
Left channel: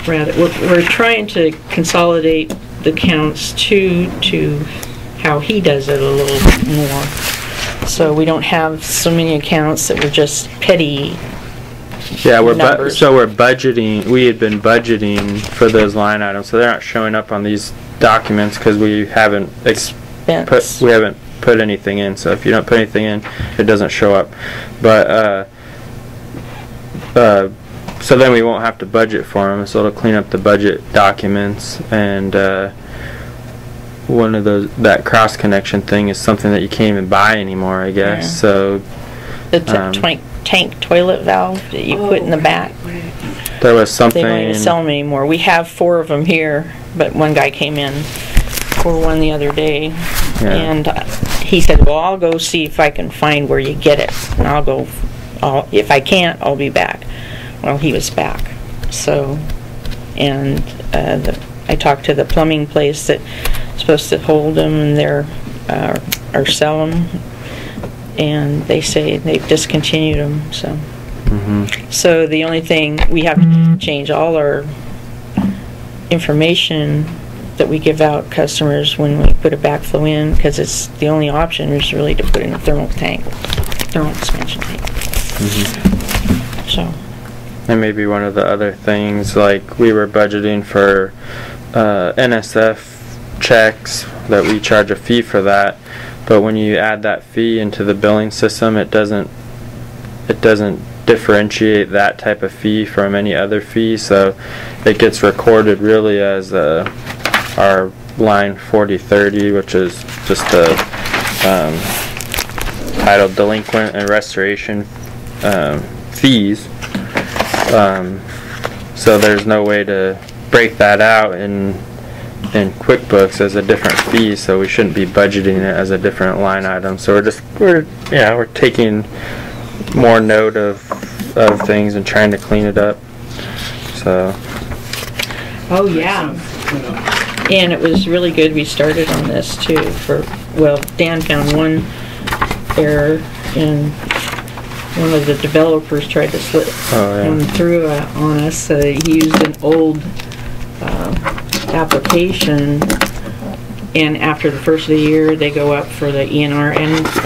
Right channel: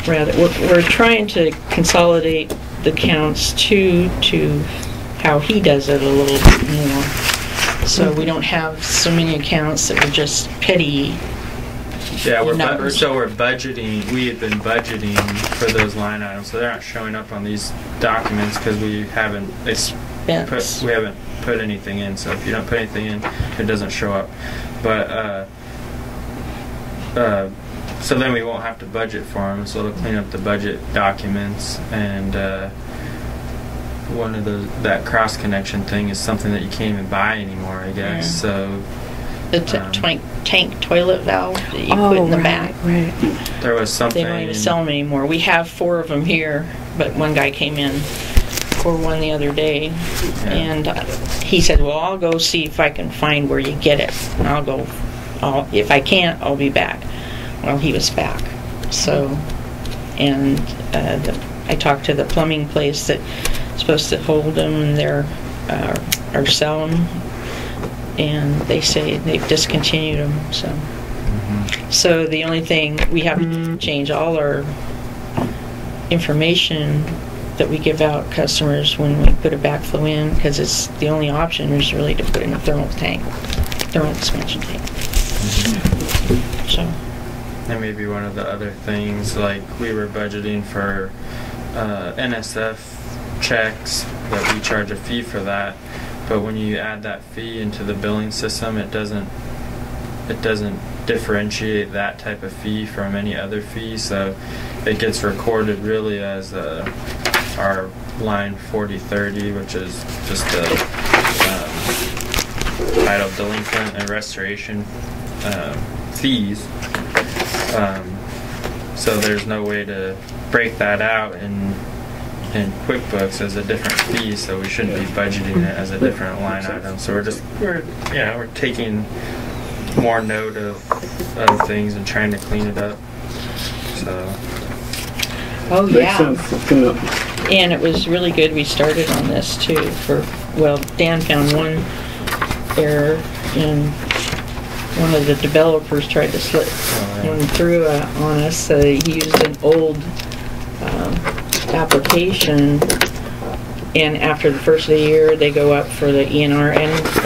Rather, we're trying to consolidate the counts to how he does it a little more. So we don't have so many accounts that were just petty. Yeah, we're budgeting. We had been budgeting for those line items, so they're not showing up on these documents because we haven't put anything in. So if you don't put anything in, it doesn't show up. But so then we won't have to budget for them. So it'll clean up the budget documents. And one of that cross connection thing is something that you can't even buy anymore, I guess. Yeah. So the tank toilet valve that you put in the back. Right. There was something. They don't even sell them anymore. We have 4 of them here, but one guy came in for one the other day, and he said, "Well, I'll go see if I can find where you get it, and I'll go. If I can't, I'll be back." Well, he was back. So, and I talked to the plumbing place that's supposed to hold them and or sell them. And they say they've discontinued them. So, so the only thing we have to change all our information that we give out customers when we put a backflow in, because it's the only option is really to put in a thermal expansion tank. So, and maybe one of the other things, like we were budgeting for NSF checks, that we charge a fee for that. But when you add that fee into the billing system, it doesn't differentiate that type of fee from any other fee, so it gets recorded really as our line 4030, which is just the title delinquent and restoration fees. So there's no way to break that out in QuickBooks as a different fee, so we shouldn't be budgeting it as a different line item. So we're taking more note of things and trying to clean it up. So. Oh yeah. And it was really good we started on this too. Dan found one error, and one of the developers tried to slip and through on us. He used an old application, and after the first of the year they go up for the ENR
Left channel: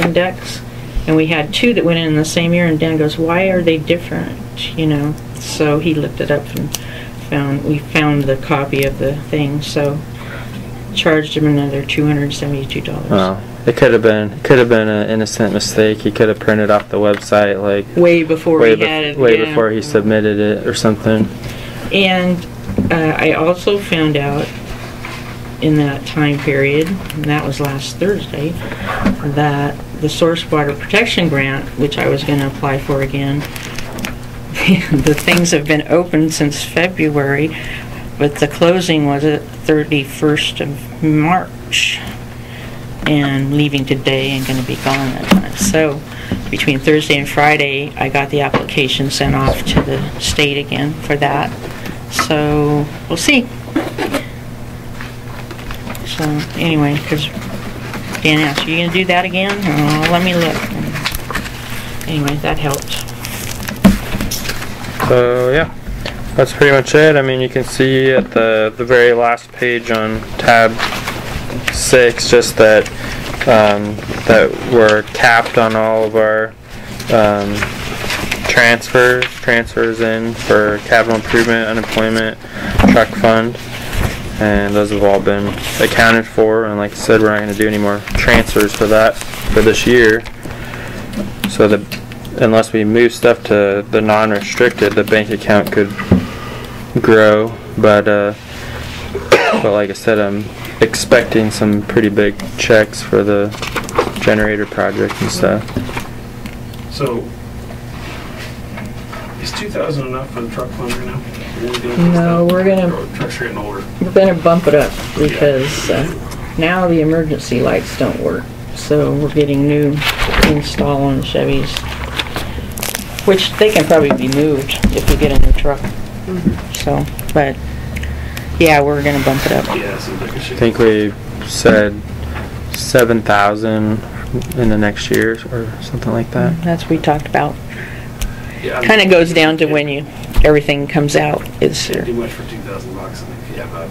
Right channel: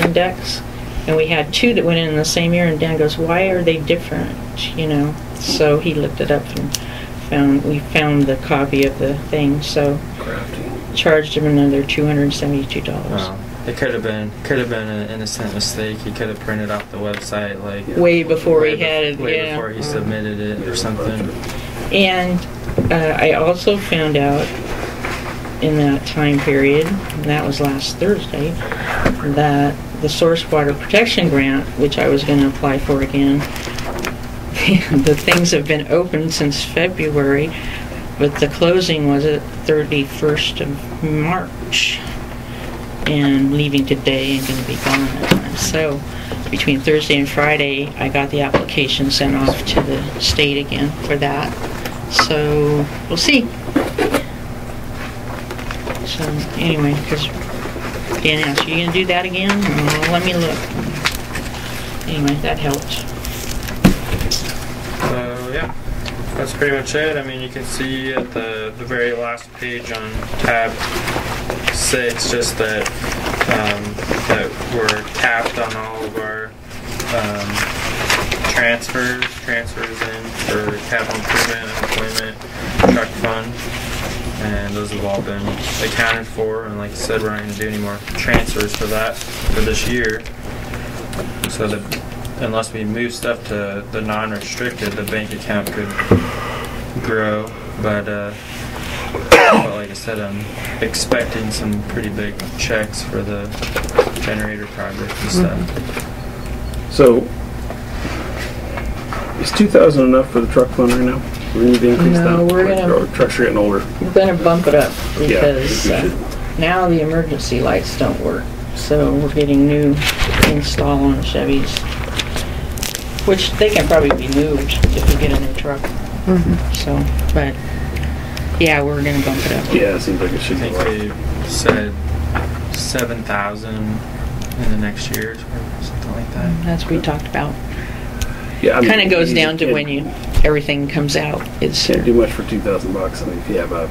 index, and we had 2 that went in the same year, and Dan goes, "Why are they different?" So he looked it up and we found the copy of the thing, so charged him another $272. Oh. It could have been an innocent mistake. He could have printed off the website way before before he submitted it or something. And I also found out in that time period, and that was last Thursday, that the Source Water Protection Grant, which I was going to apply for again, the things have been open since February, but the closing was at 31st of March, and leaving today and going to be gone that time. So between Thursday and Friday, I got the application sent off to the state again for that. So we'll see. So anyway, because Dan asked, "Are you going to do that again?" Oh, let me look. Anyway, that helped. So yeah, That's pretty much it. I mean, you can see at the very last page on tab 6 just that that we're capped on all of our transfers in for capital improvement, unemployment, truck fund, and those have all been accounted for. And like I said, we're not going to do any more transfers for that for this year. So that unless we move stuff to the non-restricted, the bank account could grow. But like I said, I'm expecting some pretty big checks for the generator project and stuff. So, is 2,000 enough for the truck fund right now? No, we're gonna. Trucks are getting older. We're gonna bump it up because now the emergency lights don't work. So we're getting new install on Chevys, which they can probably be moved if we get a new truck. So, but yeah, we're gonna bump it up. Yeah, it seems like it should. I think we said 7,000 in the next year or something like that. That's what we talked about. Yeah, kind of goes down to when everything comes out. It's can't do much for $2,000. I mean, if you have a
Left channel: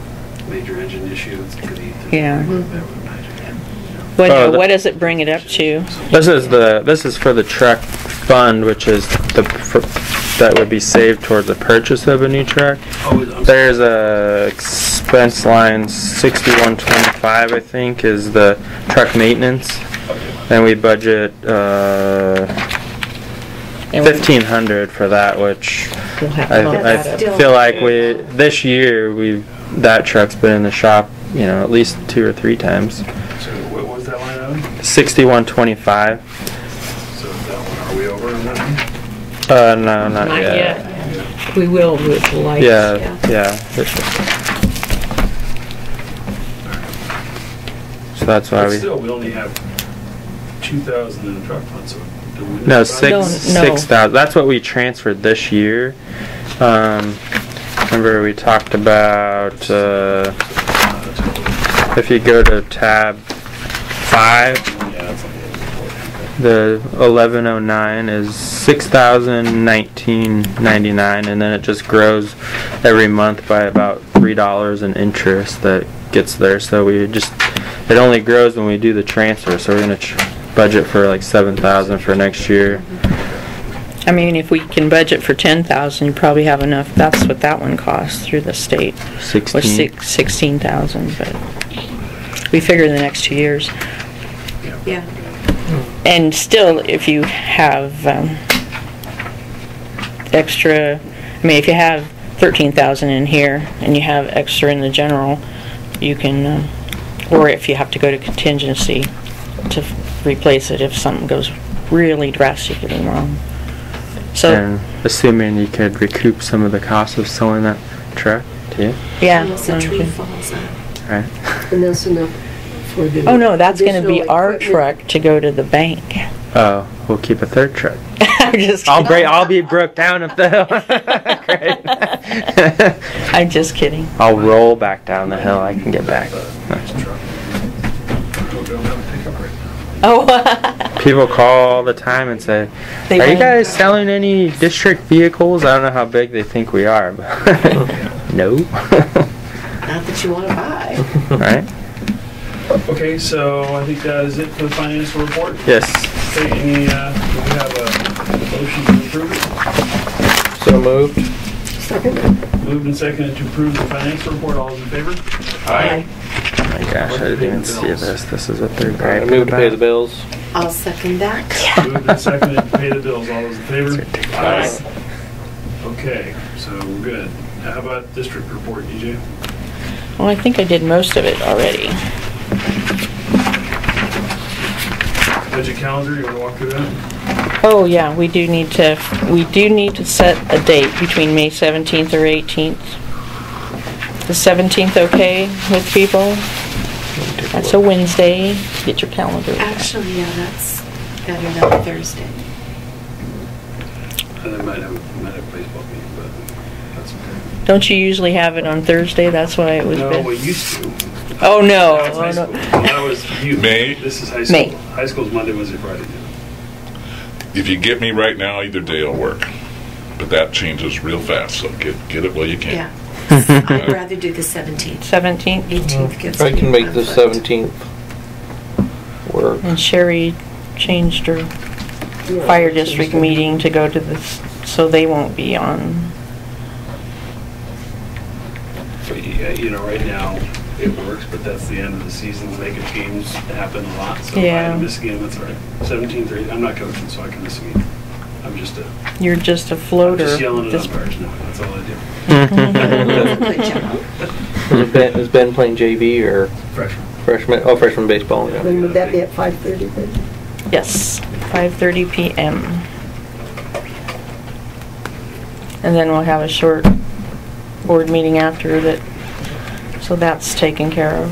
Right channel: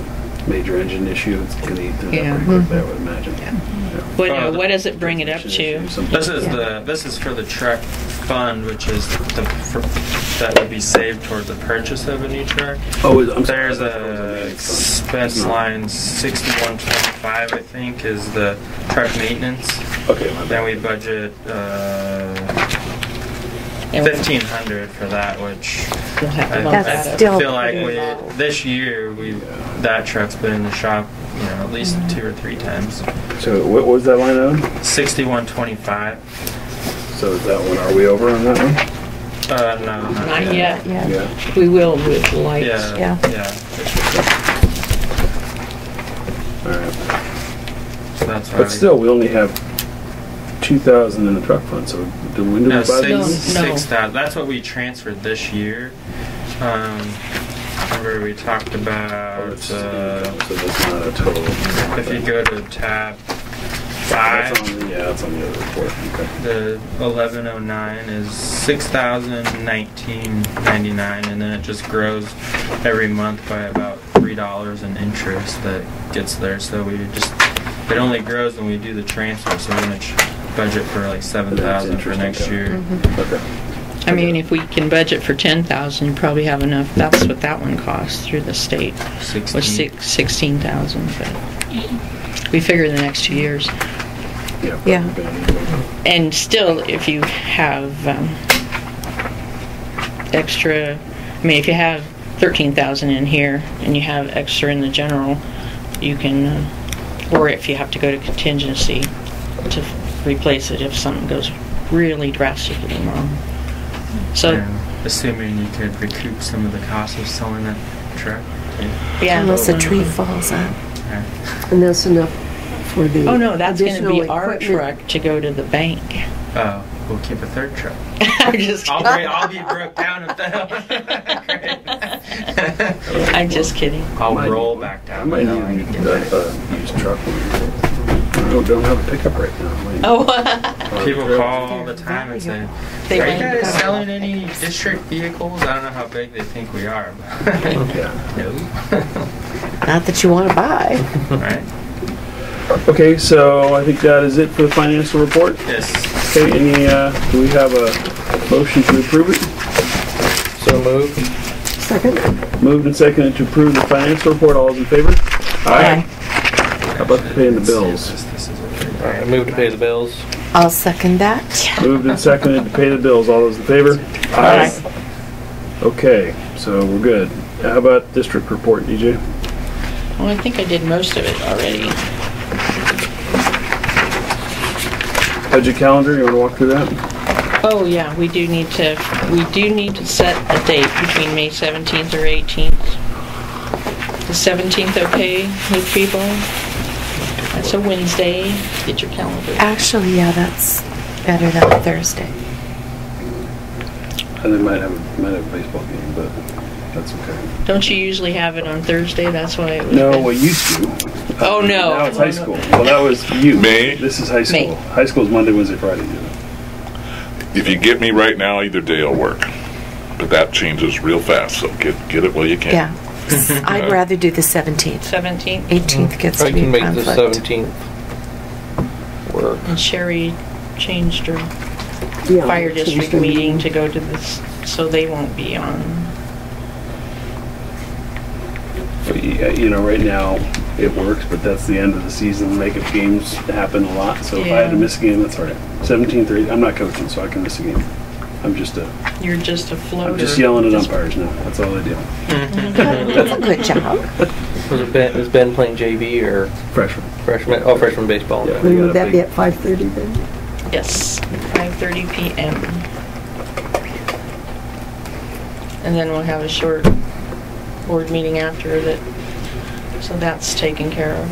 major engine issue, it's gonna eat through yeah. that, I would imagine. What does it bring it up to? This is for the truck fund, which is that would be saved towards the purchase of a new truck. Oh, there's a expense line 6125, I think, is the truck maintenance. Okay. And we budget $1,500 for that, which I feel like this year that truck's been in the shop, at least 2 or 3 times. So what was that line on? 6125. So is that one? Are we over on that one? No, not yet. Yeah. We will with the lights. Yeah. All right. So that's why. But still, we only have 2,000 in the truck fund. So do we? No, 6,000. That's what we transferred this year. Remember we talked about if you go to tab 5, the 1109 is $6,019.99, and then it just grows every month by about $3 in interest that gets there. So it only grows when we do the transfer. So we're going to budget for like 7,000 for next year. I mean, if we can budget for 10,000, you probably have enough. That's what that one costs through the state. 16,000, but we figure the next 2 years. Yeah. And still, if you have extra, if you have 13,000 in here and you have extra in the general, you can, or if you have to go to contingency to replace it if something goes really drastically wrong. So, and assuming you could recoup some of the cost of selling that truck, too. Yeah. Unless a tree falls out. Right. And that's enough for the. Oh no, that's going to be our equipment. truck to go to the bank. Oh, we'll keep a third truck. I'm just kidding. I'll be broke down if the Great. I'm just kidding. I'll roll back down the hill. I can get back. Nice truck. I don't have a pickup right now. Oh. People call all the time and say, "Are you guys selling any district vehicles?" I don't know how big they think we are, but no. Not that you want to buy. Right. Okay, so I think that is it for the financial report. Yes. Okay, do we have a motion to approve it? So moved. Second. Moved and seconded to approve the financial report. All those in favor? Aye. Gosh, about I paying didn't the see bills? this is what they're All right, I move to pay the bills. I'll second that. Moved and seconded to pay the bills. All those in favor? Aye. Okay, so we're good. How about district report, DJ? Well, I think I did most of it already. Budget calendar, you want to walk through that? Oh yeah, we do need to set a date between May 17th or 18th. The 17th okay with people? That's a Wednesday. Get your calendar. Actually, yeah, that's better than Thursday. And they might have a baseball game, but that's okay. Don't you usually have it on Thursday? That's why it was. No, good. we used to. Oh no. Now it's high school. Well, that was you. May. This is high school. May. High school is Monday, Wednesday, Friday. If you get me right now, either day will work. But that changes real fast, so get it while you can. Yeah. I'd rather do the 17th. 17th? 18th gets I to can be make the conflict. 17th work. And Sherry changed her Yeah, fire so district there's meeting to go to this, so they won't be on. Yeah, you know, right now it works, but that's the end of the season. Making games happen a lot, so if I had to miss a game, that's all right. 17th or 18th, I'm not coaching, so I can miss a game. I'm just You're just a floater. I'm just yelling at umpires now. That's all I do. That's a good job. Is Ben playing JV or Freshman. freshman? Oh, freshman baseball. Yeah. When would that be at 5:30 then? Yes, 5:30 p.m. And then we'll have a short board meeting after that, so that's taken care of.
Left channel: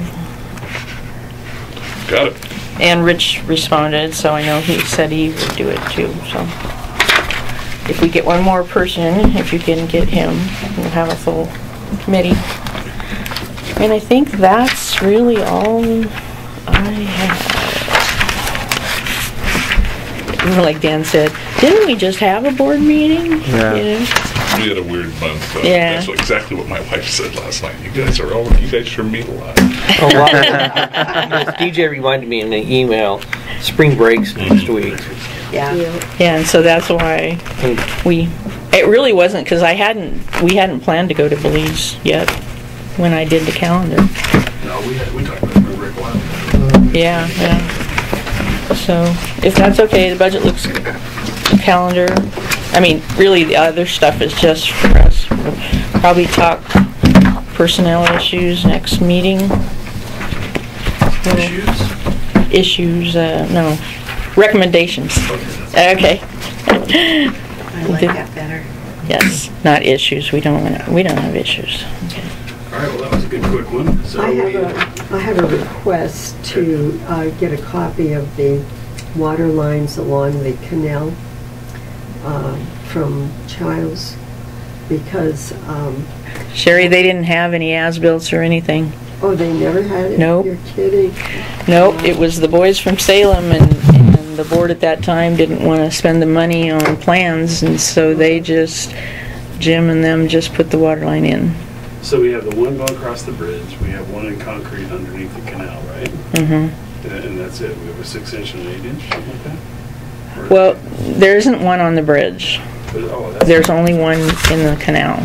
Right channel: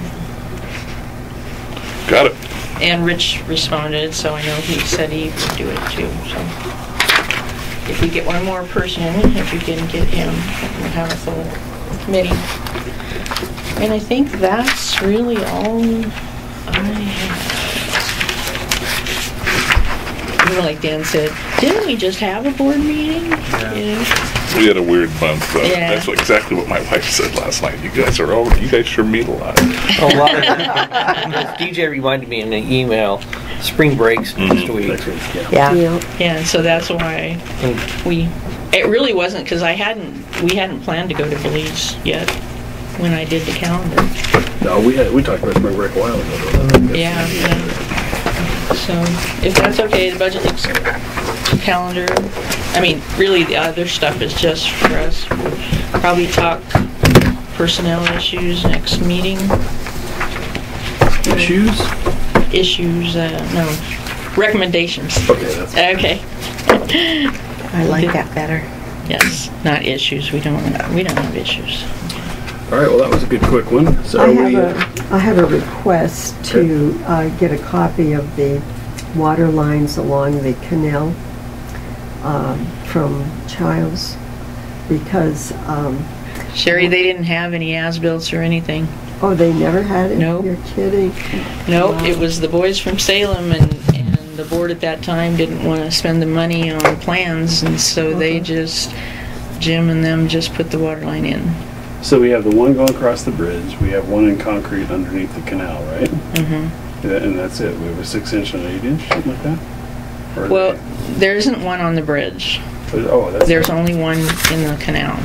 Got it. And Rich responded, so I know he said he would do it too, so. If we get one more person, if you can get him, we'll have a full committee. And I think that's really all I have. Like Dan said, didn't we just have a board meeting? Yeah. You know? We had a weird month. Yeah. That's exactly what my wife said last night. You guys sure meet a lot. A lot because DJ reminded me in an email, spring breaks next week. Yeah. And so that's why it really wasn't, because we hadn't planned to go to Belize yet when I did the calendar. No, we talked about spring break a while ago. Yeah. So if that's okay, the budget looks good. Calendar. I mean, really the other stuff is just for us. We'll probably talk personnel issues next meeting. Issues, no. Recommendations. Okay, that's Okay. I like that better. Yes, not issues. We don't have issues. all right. Well, that was a good quick one. So I have a request to get a copy of the water lines along the canal from Childs, because Sherry, they didn't have any as-bills or anything. oh, they never had it? Nope. You're kidding. Nope, it was the boys from Salem, and the board at that time didn't want to spend the money on plans, and so they just, Jim and them just put the water line in. So we have the one going across the bridge. We have one in concrete underneath the canal, right? Mm-hmm. And that's it. We have a 6-inch and an 8-inch, something like that. Or- Well, there isn't one on the bridge. oh, that's There's only one in the canal.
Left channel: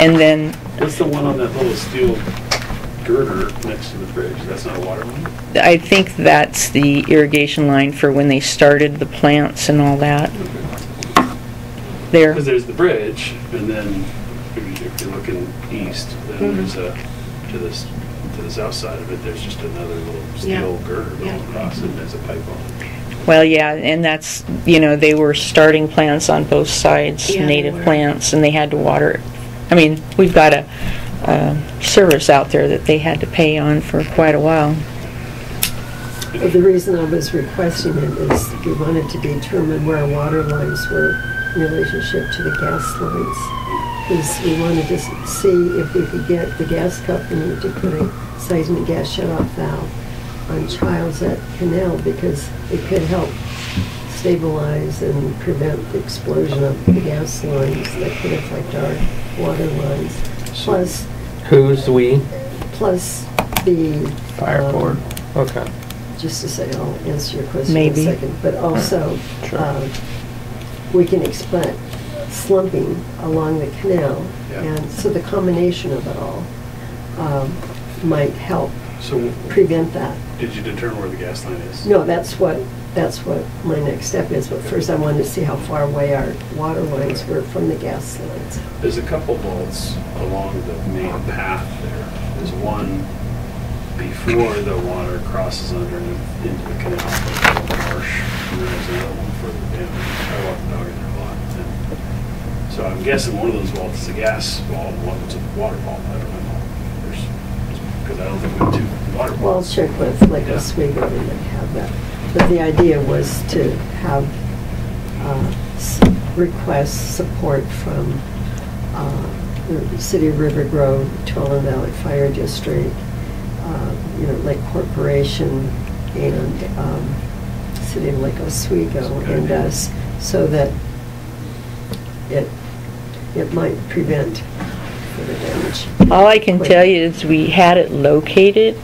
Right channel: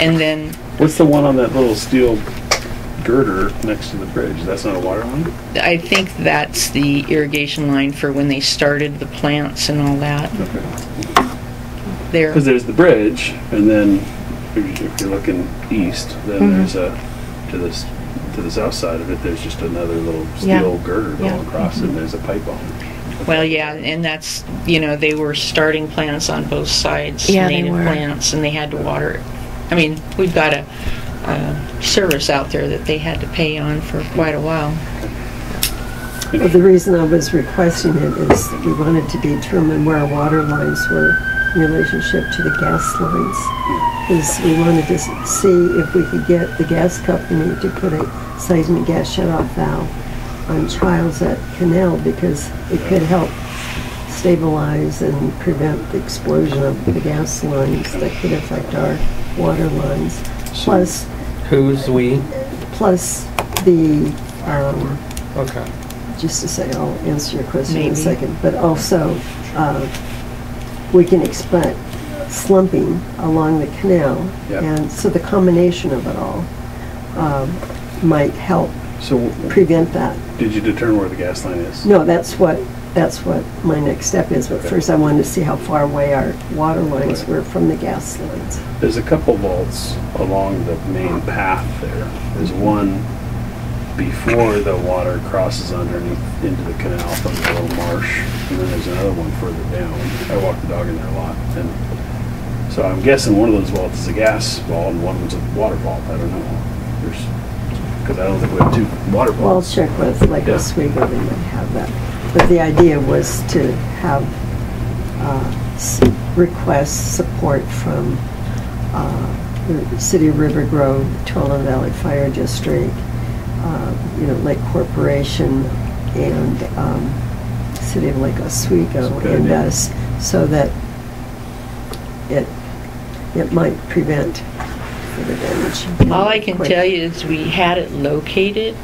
And then, what's the one on that little steel girder next to the bridge? That's not a water line? I think that's the irrigation line for when they started the plants and all that. There. Because there's the bridge, and then if you're looking east, then there's to the south side of it, there's just another little steel girder going across, and there's a pipe on it. Well, yeah, and that's, they were starting plants on both sides, Yeah, they native were. plants, and they had to water it. I mean, we've got a service out there that they had to pay on for quite a while. But the reason I was requesting it is we wanted to determine where our water lines were in relationship to the gas lines. Because we wanted to see if we could get the gas company to put a seismic gas shut-off valve on Childs at Canal, because it could help stabilize and prevent the explosion of the gas lines that could affect our water lines. Plus Who's we? the Fire board. Okay. just to say, I'll answer your question in Maybe. a second, but also we can expect slumping along the canal, and so the combination of it all might help So prevent that. did you determine where the gas line is? No, that's what my next step is, but first I wanted to see how far away our water lines were from the gas lines. There's a couple vaults along the main path there. There's one before the water crosses underneath into the canal from the little marsh, and then there's another one further down. I walk the dog in there a lot. And so I'm guessing one of those vaults is a gas vault and one was a water vault. I don't know. Because I don't think we have two water Well, I'll vaults. check with like Oswego, they might have that. But the idea was to have request support from the City of Rivergrove, Tuolumne Valley Fire District, Lake Corporation, and City of Lake Oswego, Good and idea. us, so that it it might prevent further damage. All I can tell you is we had it located.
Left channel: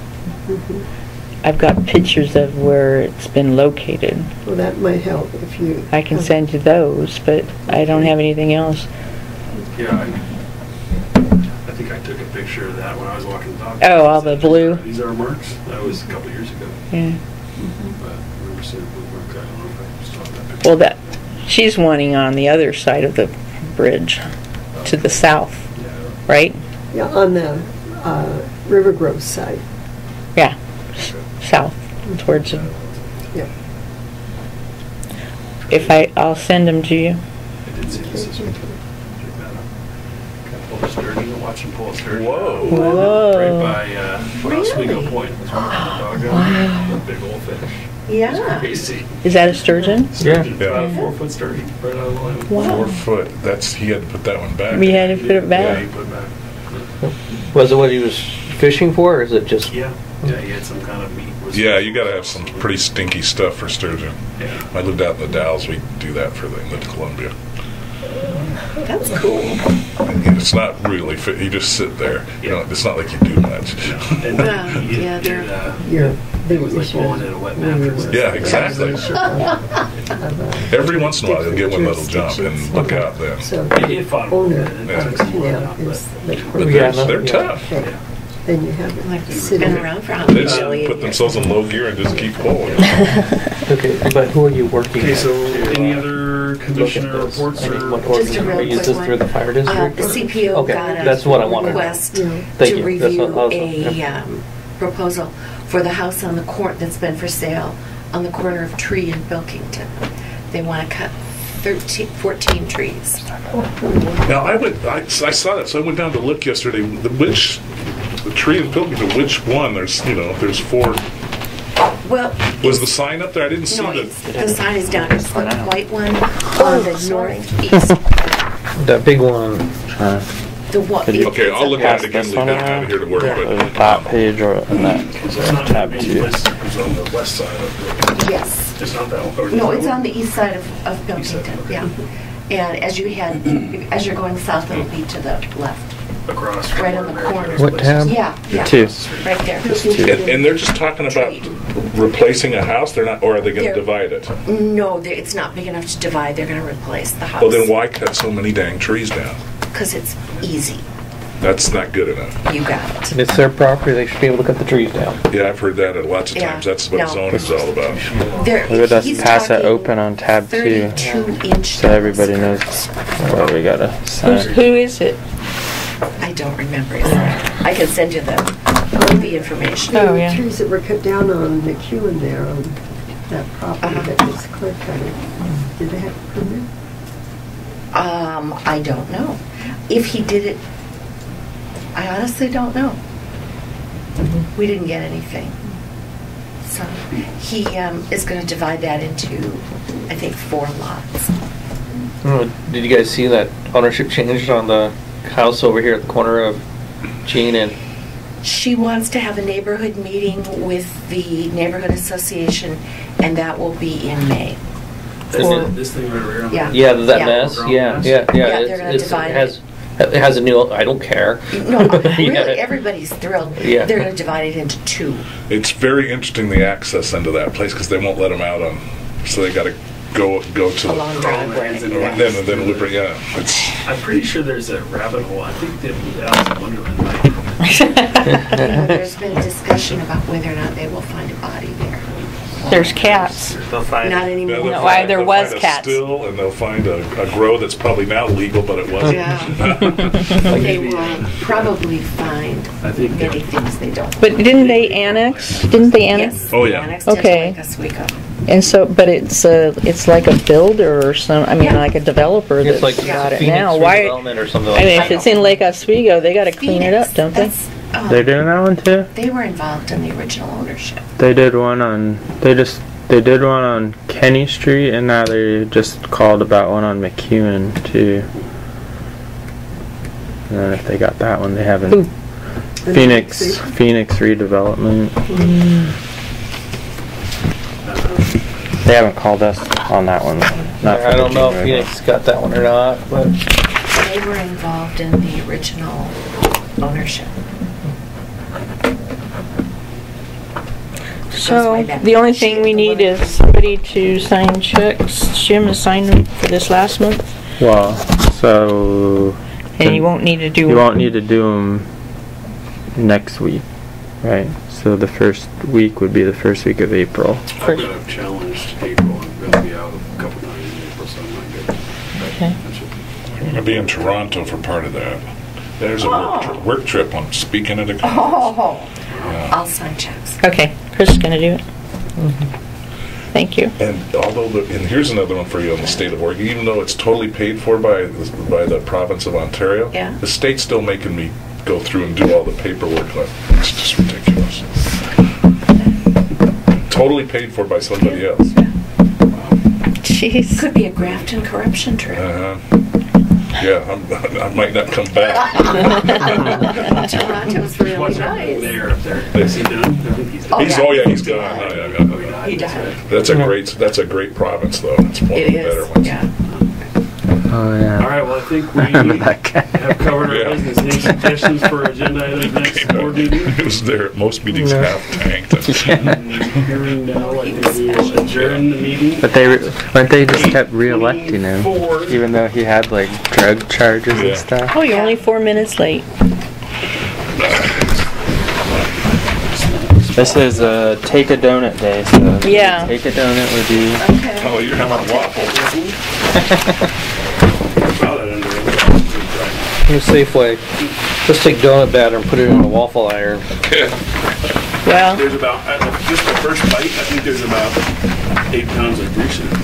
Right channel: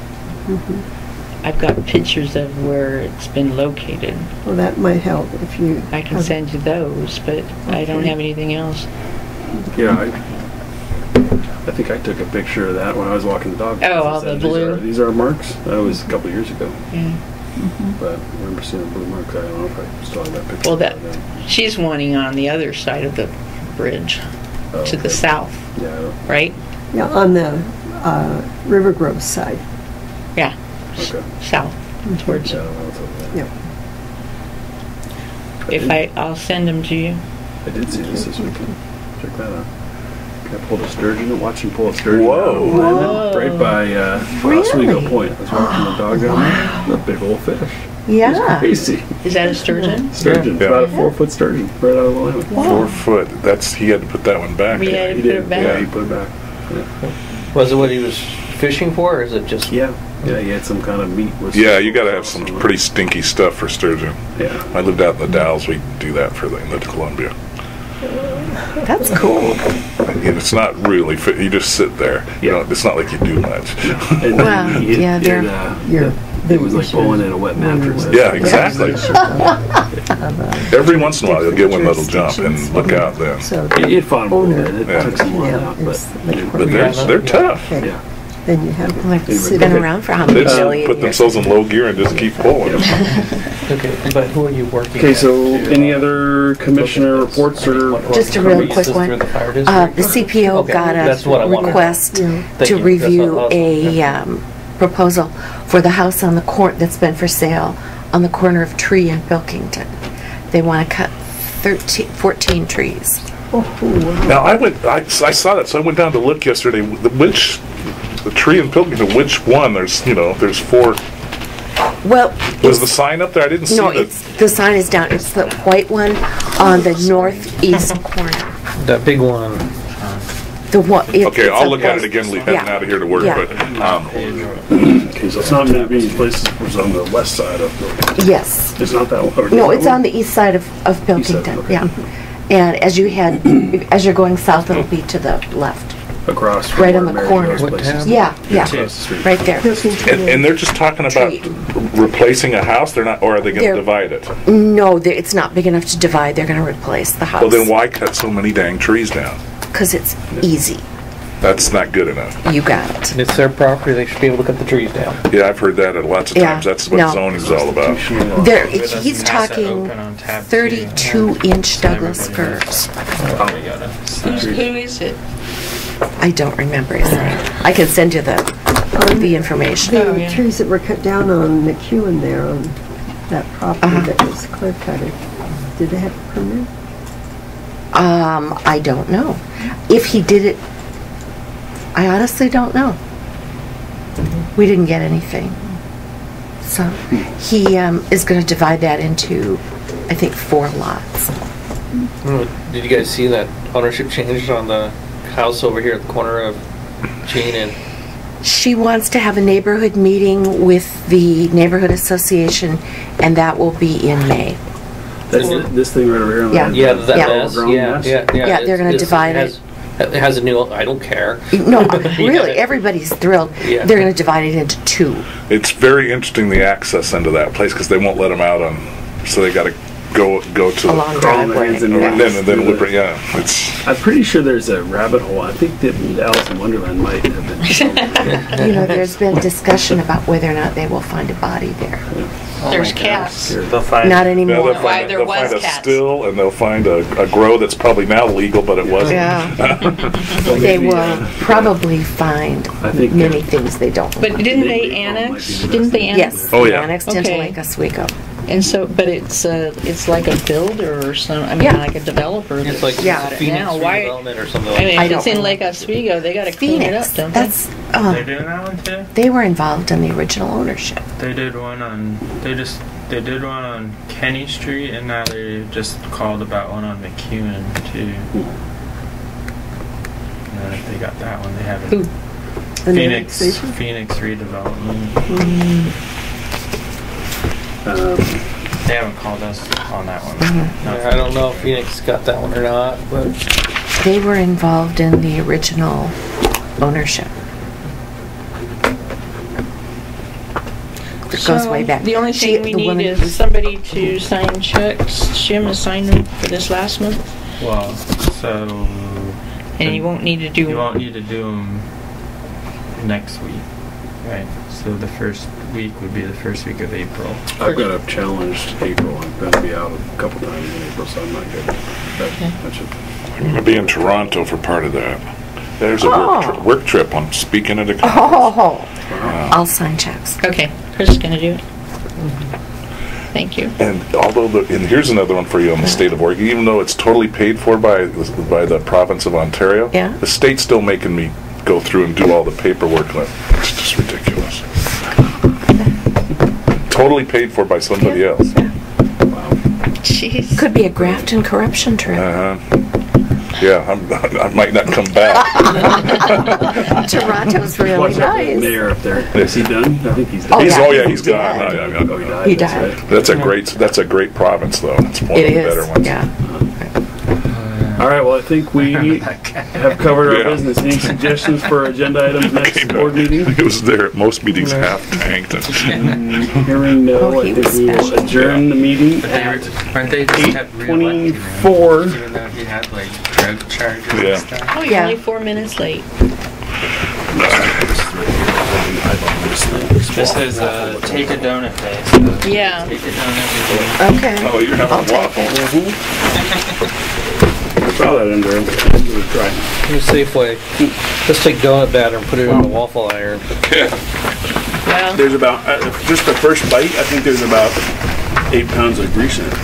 I've got pictures of where it's been located. Well, that might help if you... I can send you those, but I don't have anything else. Yeah, I think I took a picture of that when I was walking the dog. Oh, all the blue? These are marks. That was a couple of years ago. Yeah. But I remember seeing blue marks. I don't know if I still have that picture. Well, she's wanting on the other side of the bridge, to the south, Yeah. right? Yeah, on the Rivergrove side. Yeah, Okay. south, towards Yeah, it. Yep. I'll send them to you. I did see this weekend. Check that out. I pulled a sturgeon. Watch him pull a sturgeon. Whoa. Whoa. Right by Oswego Point. I was walking the dog down there. A big old fish. Yeah. Crazy. Is that a sturgeon? Sturgeon. Yeah. About a 4-foot sturgeon. Right out of the line. 4 foot. He had to put that one back. We had to He put did. it back. Yeah, he put it back. Was it what he was fishing for, or is it just... Yeah. Yeah, he had some kind of meat. Yeah, you got to have some pretty stinky stuff for sturgeon. Yeah. I lived out in the Dalles. We do that for the Inlet to Columbia. That's cool. And it's not really fit. You just sit there. You know, it's not like you do much. And Well, he- yeah, he- they're- Your It was like pulling in a wet mattress. Yeah, exactly. Every once in a while, you'll get one that'll jump, and look out then. So It fought him a owner little bit. It Yeah. took some while canal out, but is the But corner. they're tough. Okay. yeah. Then you have Like, it it's sitting been around for how They many just billion put years? themselves in low gear and just keep pulling. Okay, but who are you working Okay, at so to, any other commissioner look at this? reports I mean, or? what Just a organization? real Is quick this one. through the fire district? The CPO Okay, got that's what I a wanted. request Yeah. Thank to you. That's what review I was- a proposal for the house on the corner that's been for sale on the corner of Tree and Pilkington. They want to cut 14 trees. Now I saw that, so I went down to look yesterday. The tree in Pilkington, which one? There's 4. Well, Was the sign up there? I didn't see no, the sign is down. It's the white one on the northeast corner. That big one. The one. Okay, I'll look at it Yeah. again. Leave that out of here to work, Yeah. but Top page or Okay, so it's not going to be any place that was on the west side of the. Yes. It's not that one. or No, that it's one? on the east side of Pilkington. okay. Yeah. And as you're going south, it'll be to the left. Across. from Right on where the Mary corner. Jo's What place is. tab? Yeah, yeah. Two. Right there. and they're just talking about replacing a house. They're not, or are they going to They're- divide it? No, it's not big enough to divide. They're going to replace the house. Well, then why cut so many dang trees down? Because it's easy. That's not good enough. You got it. It's their property, they should be able to cut the trees down. Yeah, I've heard that lots of Yeah, times. That's what no. zoning's all about. There, just he's pass it talking open on tab 32-inch so Douglas everybody knows. firs. Oh, we gotta sign. Who is it? I don't remember his name. I can send you the information. Oh, The yeah. trees that were cut down on McEwen there on that property that was clear cutted, did they have a permit? I don't know. If he did it, I honestly don't know. We didn't get anything. So he is going to divide that into, I think, 4 lots. Oh, did you guys see that ownership changed on the house over here at the corner of Jean and... She wants to have a neighborhood meeting with the neighborhood association, and that will be in May. This thing right over here. On Yeah. the Yeah, that Yeah. mess. Ground Yeah, mess? yeah, yeah. Yeah, they're gonna divide it. It has a new, I don't care. No, really, Yeah. everybody's thrilled. Yeah. They're going to divide it into 2. It's very interesting the access into that place because they won't let them out on, so they got to go to A long Crawl in the driveway. hands and and knees. then we'll bring, yeah. It's, I'm pretty sure there's a rabbit hole. I think that Alice in Wonderland might have it. You know, there's been discussion about whether or not they will find a body there. There's cats. They'll find. Not yeah, anymore. they'll Why find- there they'll was find a cats. still, and they'll find a grow that's probably now legal, but it wasn't. Yeah. They will probably find I think- many things they don't. But didn't they annex? Didn't they annex? Yes. Oh, they yeah. Annexed into Okay. Lake Oswego. And so, but it's like a builder or some. I mean, Yeah. like a developer It's that's like got it Phoenix now. Why? redevelopment or something I like mean, that. if it's in Lake Oswego, they got to clean it up, don't they? That's, They're doing that one too. they were involved in the original ownership. They did one on. They did one on Kenny Street, and now they just called about one on McEwen too. And then if they got that one, they haven't. Who? The Phoenix annexation? Phoenix redevelopment. They haven't called us on that one. Not I for don't know if McEwen. Phoenix got that one or not, but They were involved in the original ownership. It goes way back. The only thing we need is somebody to sign checks. Jim has signed them for this last month. Well, so. And you won't need to do them. You won't need to do them next week, right? So the first week would be the first week of April. I've got a challenged April. I'm going to be out a couple times in April, so I'm not good. That's it. I'm going to be in Toronto for part of that. There's a work trip. I'm speaking at a conference. Oh, I'll sign checks. Okay, Chris is going to do it. Thank you. And although, and here's another one for you on the state of Oregon. Even though it's totally paid for by the province of Ontario, the state's still making me go through and do all the paperwork. It's just ridiculous. Totally paid for by somebody else. Wow. Jeez. Could be a graft and corruption trip. Yeah, I might not come back. Toronto's really nice. Mayor up there. Is he done? I think he's done. He's gone. He died. That's a great province, though. It's one of the better ones. Yeah. All right. Well, I think we have covered our business. Any suggestions for agenda items next board meeting? It was there at most meetings, half tanked. Hearing no, I think we will adjourn the meeting. But weren't they just kept re-electing him, even though he had like drug charges and stuff? Oh, you're only 4 minutes late. This is Take a Donut Day, so take a donut with you. Okay. Oh, you're having a waffle. Saw that under In a safe way. Just take donut batter and put it in a waffle iron. Well, there's about, just the first bite, I think there's about 8 pounds of grease in it.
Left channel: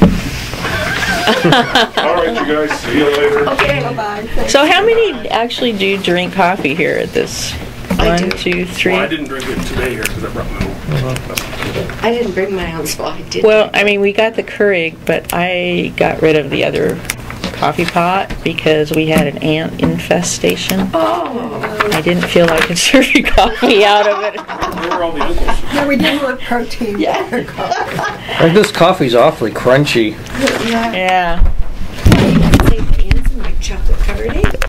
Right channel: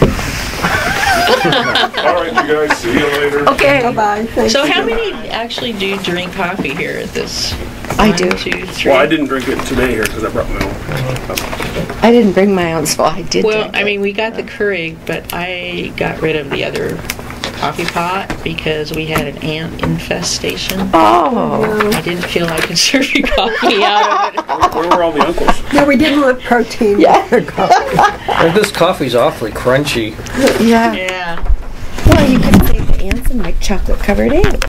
All right, you guys, see you later. Okay. Bye-bye. so how many actually do drink coffee here at this? I do. 1, 2, 3. Well, I didn't drink it today here because I brought my own. I didn't bring my own, so I did. Well, I mean, we got the Keurig, but I got rid of the other coffee pot because we had an ant infestation. Oh. I didn't feel I could serve you coffee out of it. Where were all the uncles? No, we didn't want protein. And this coffee's awfully crunchy. Yeah. Yeah. Well, you can save ants and make chocolate covered eggs.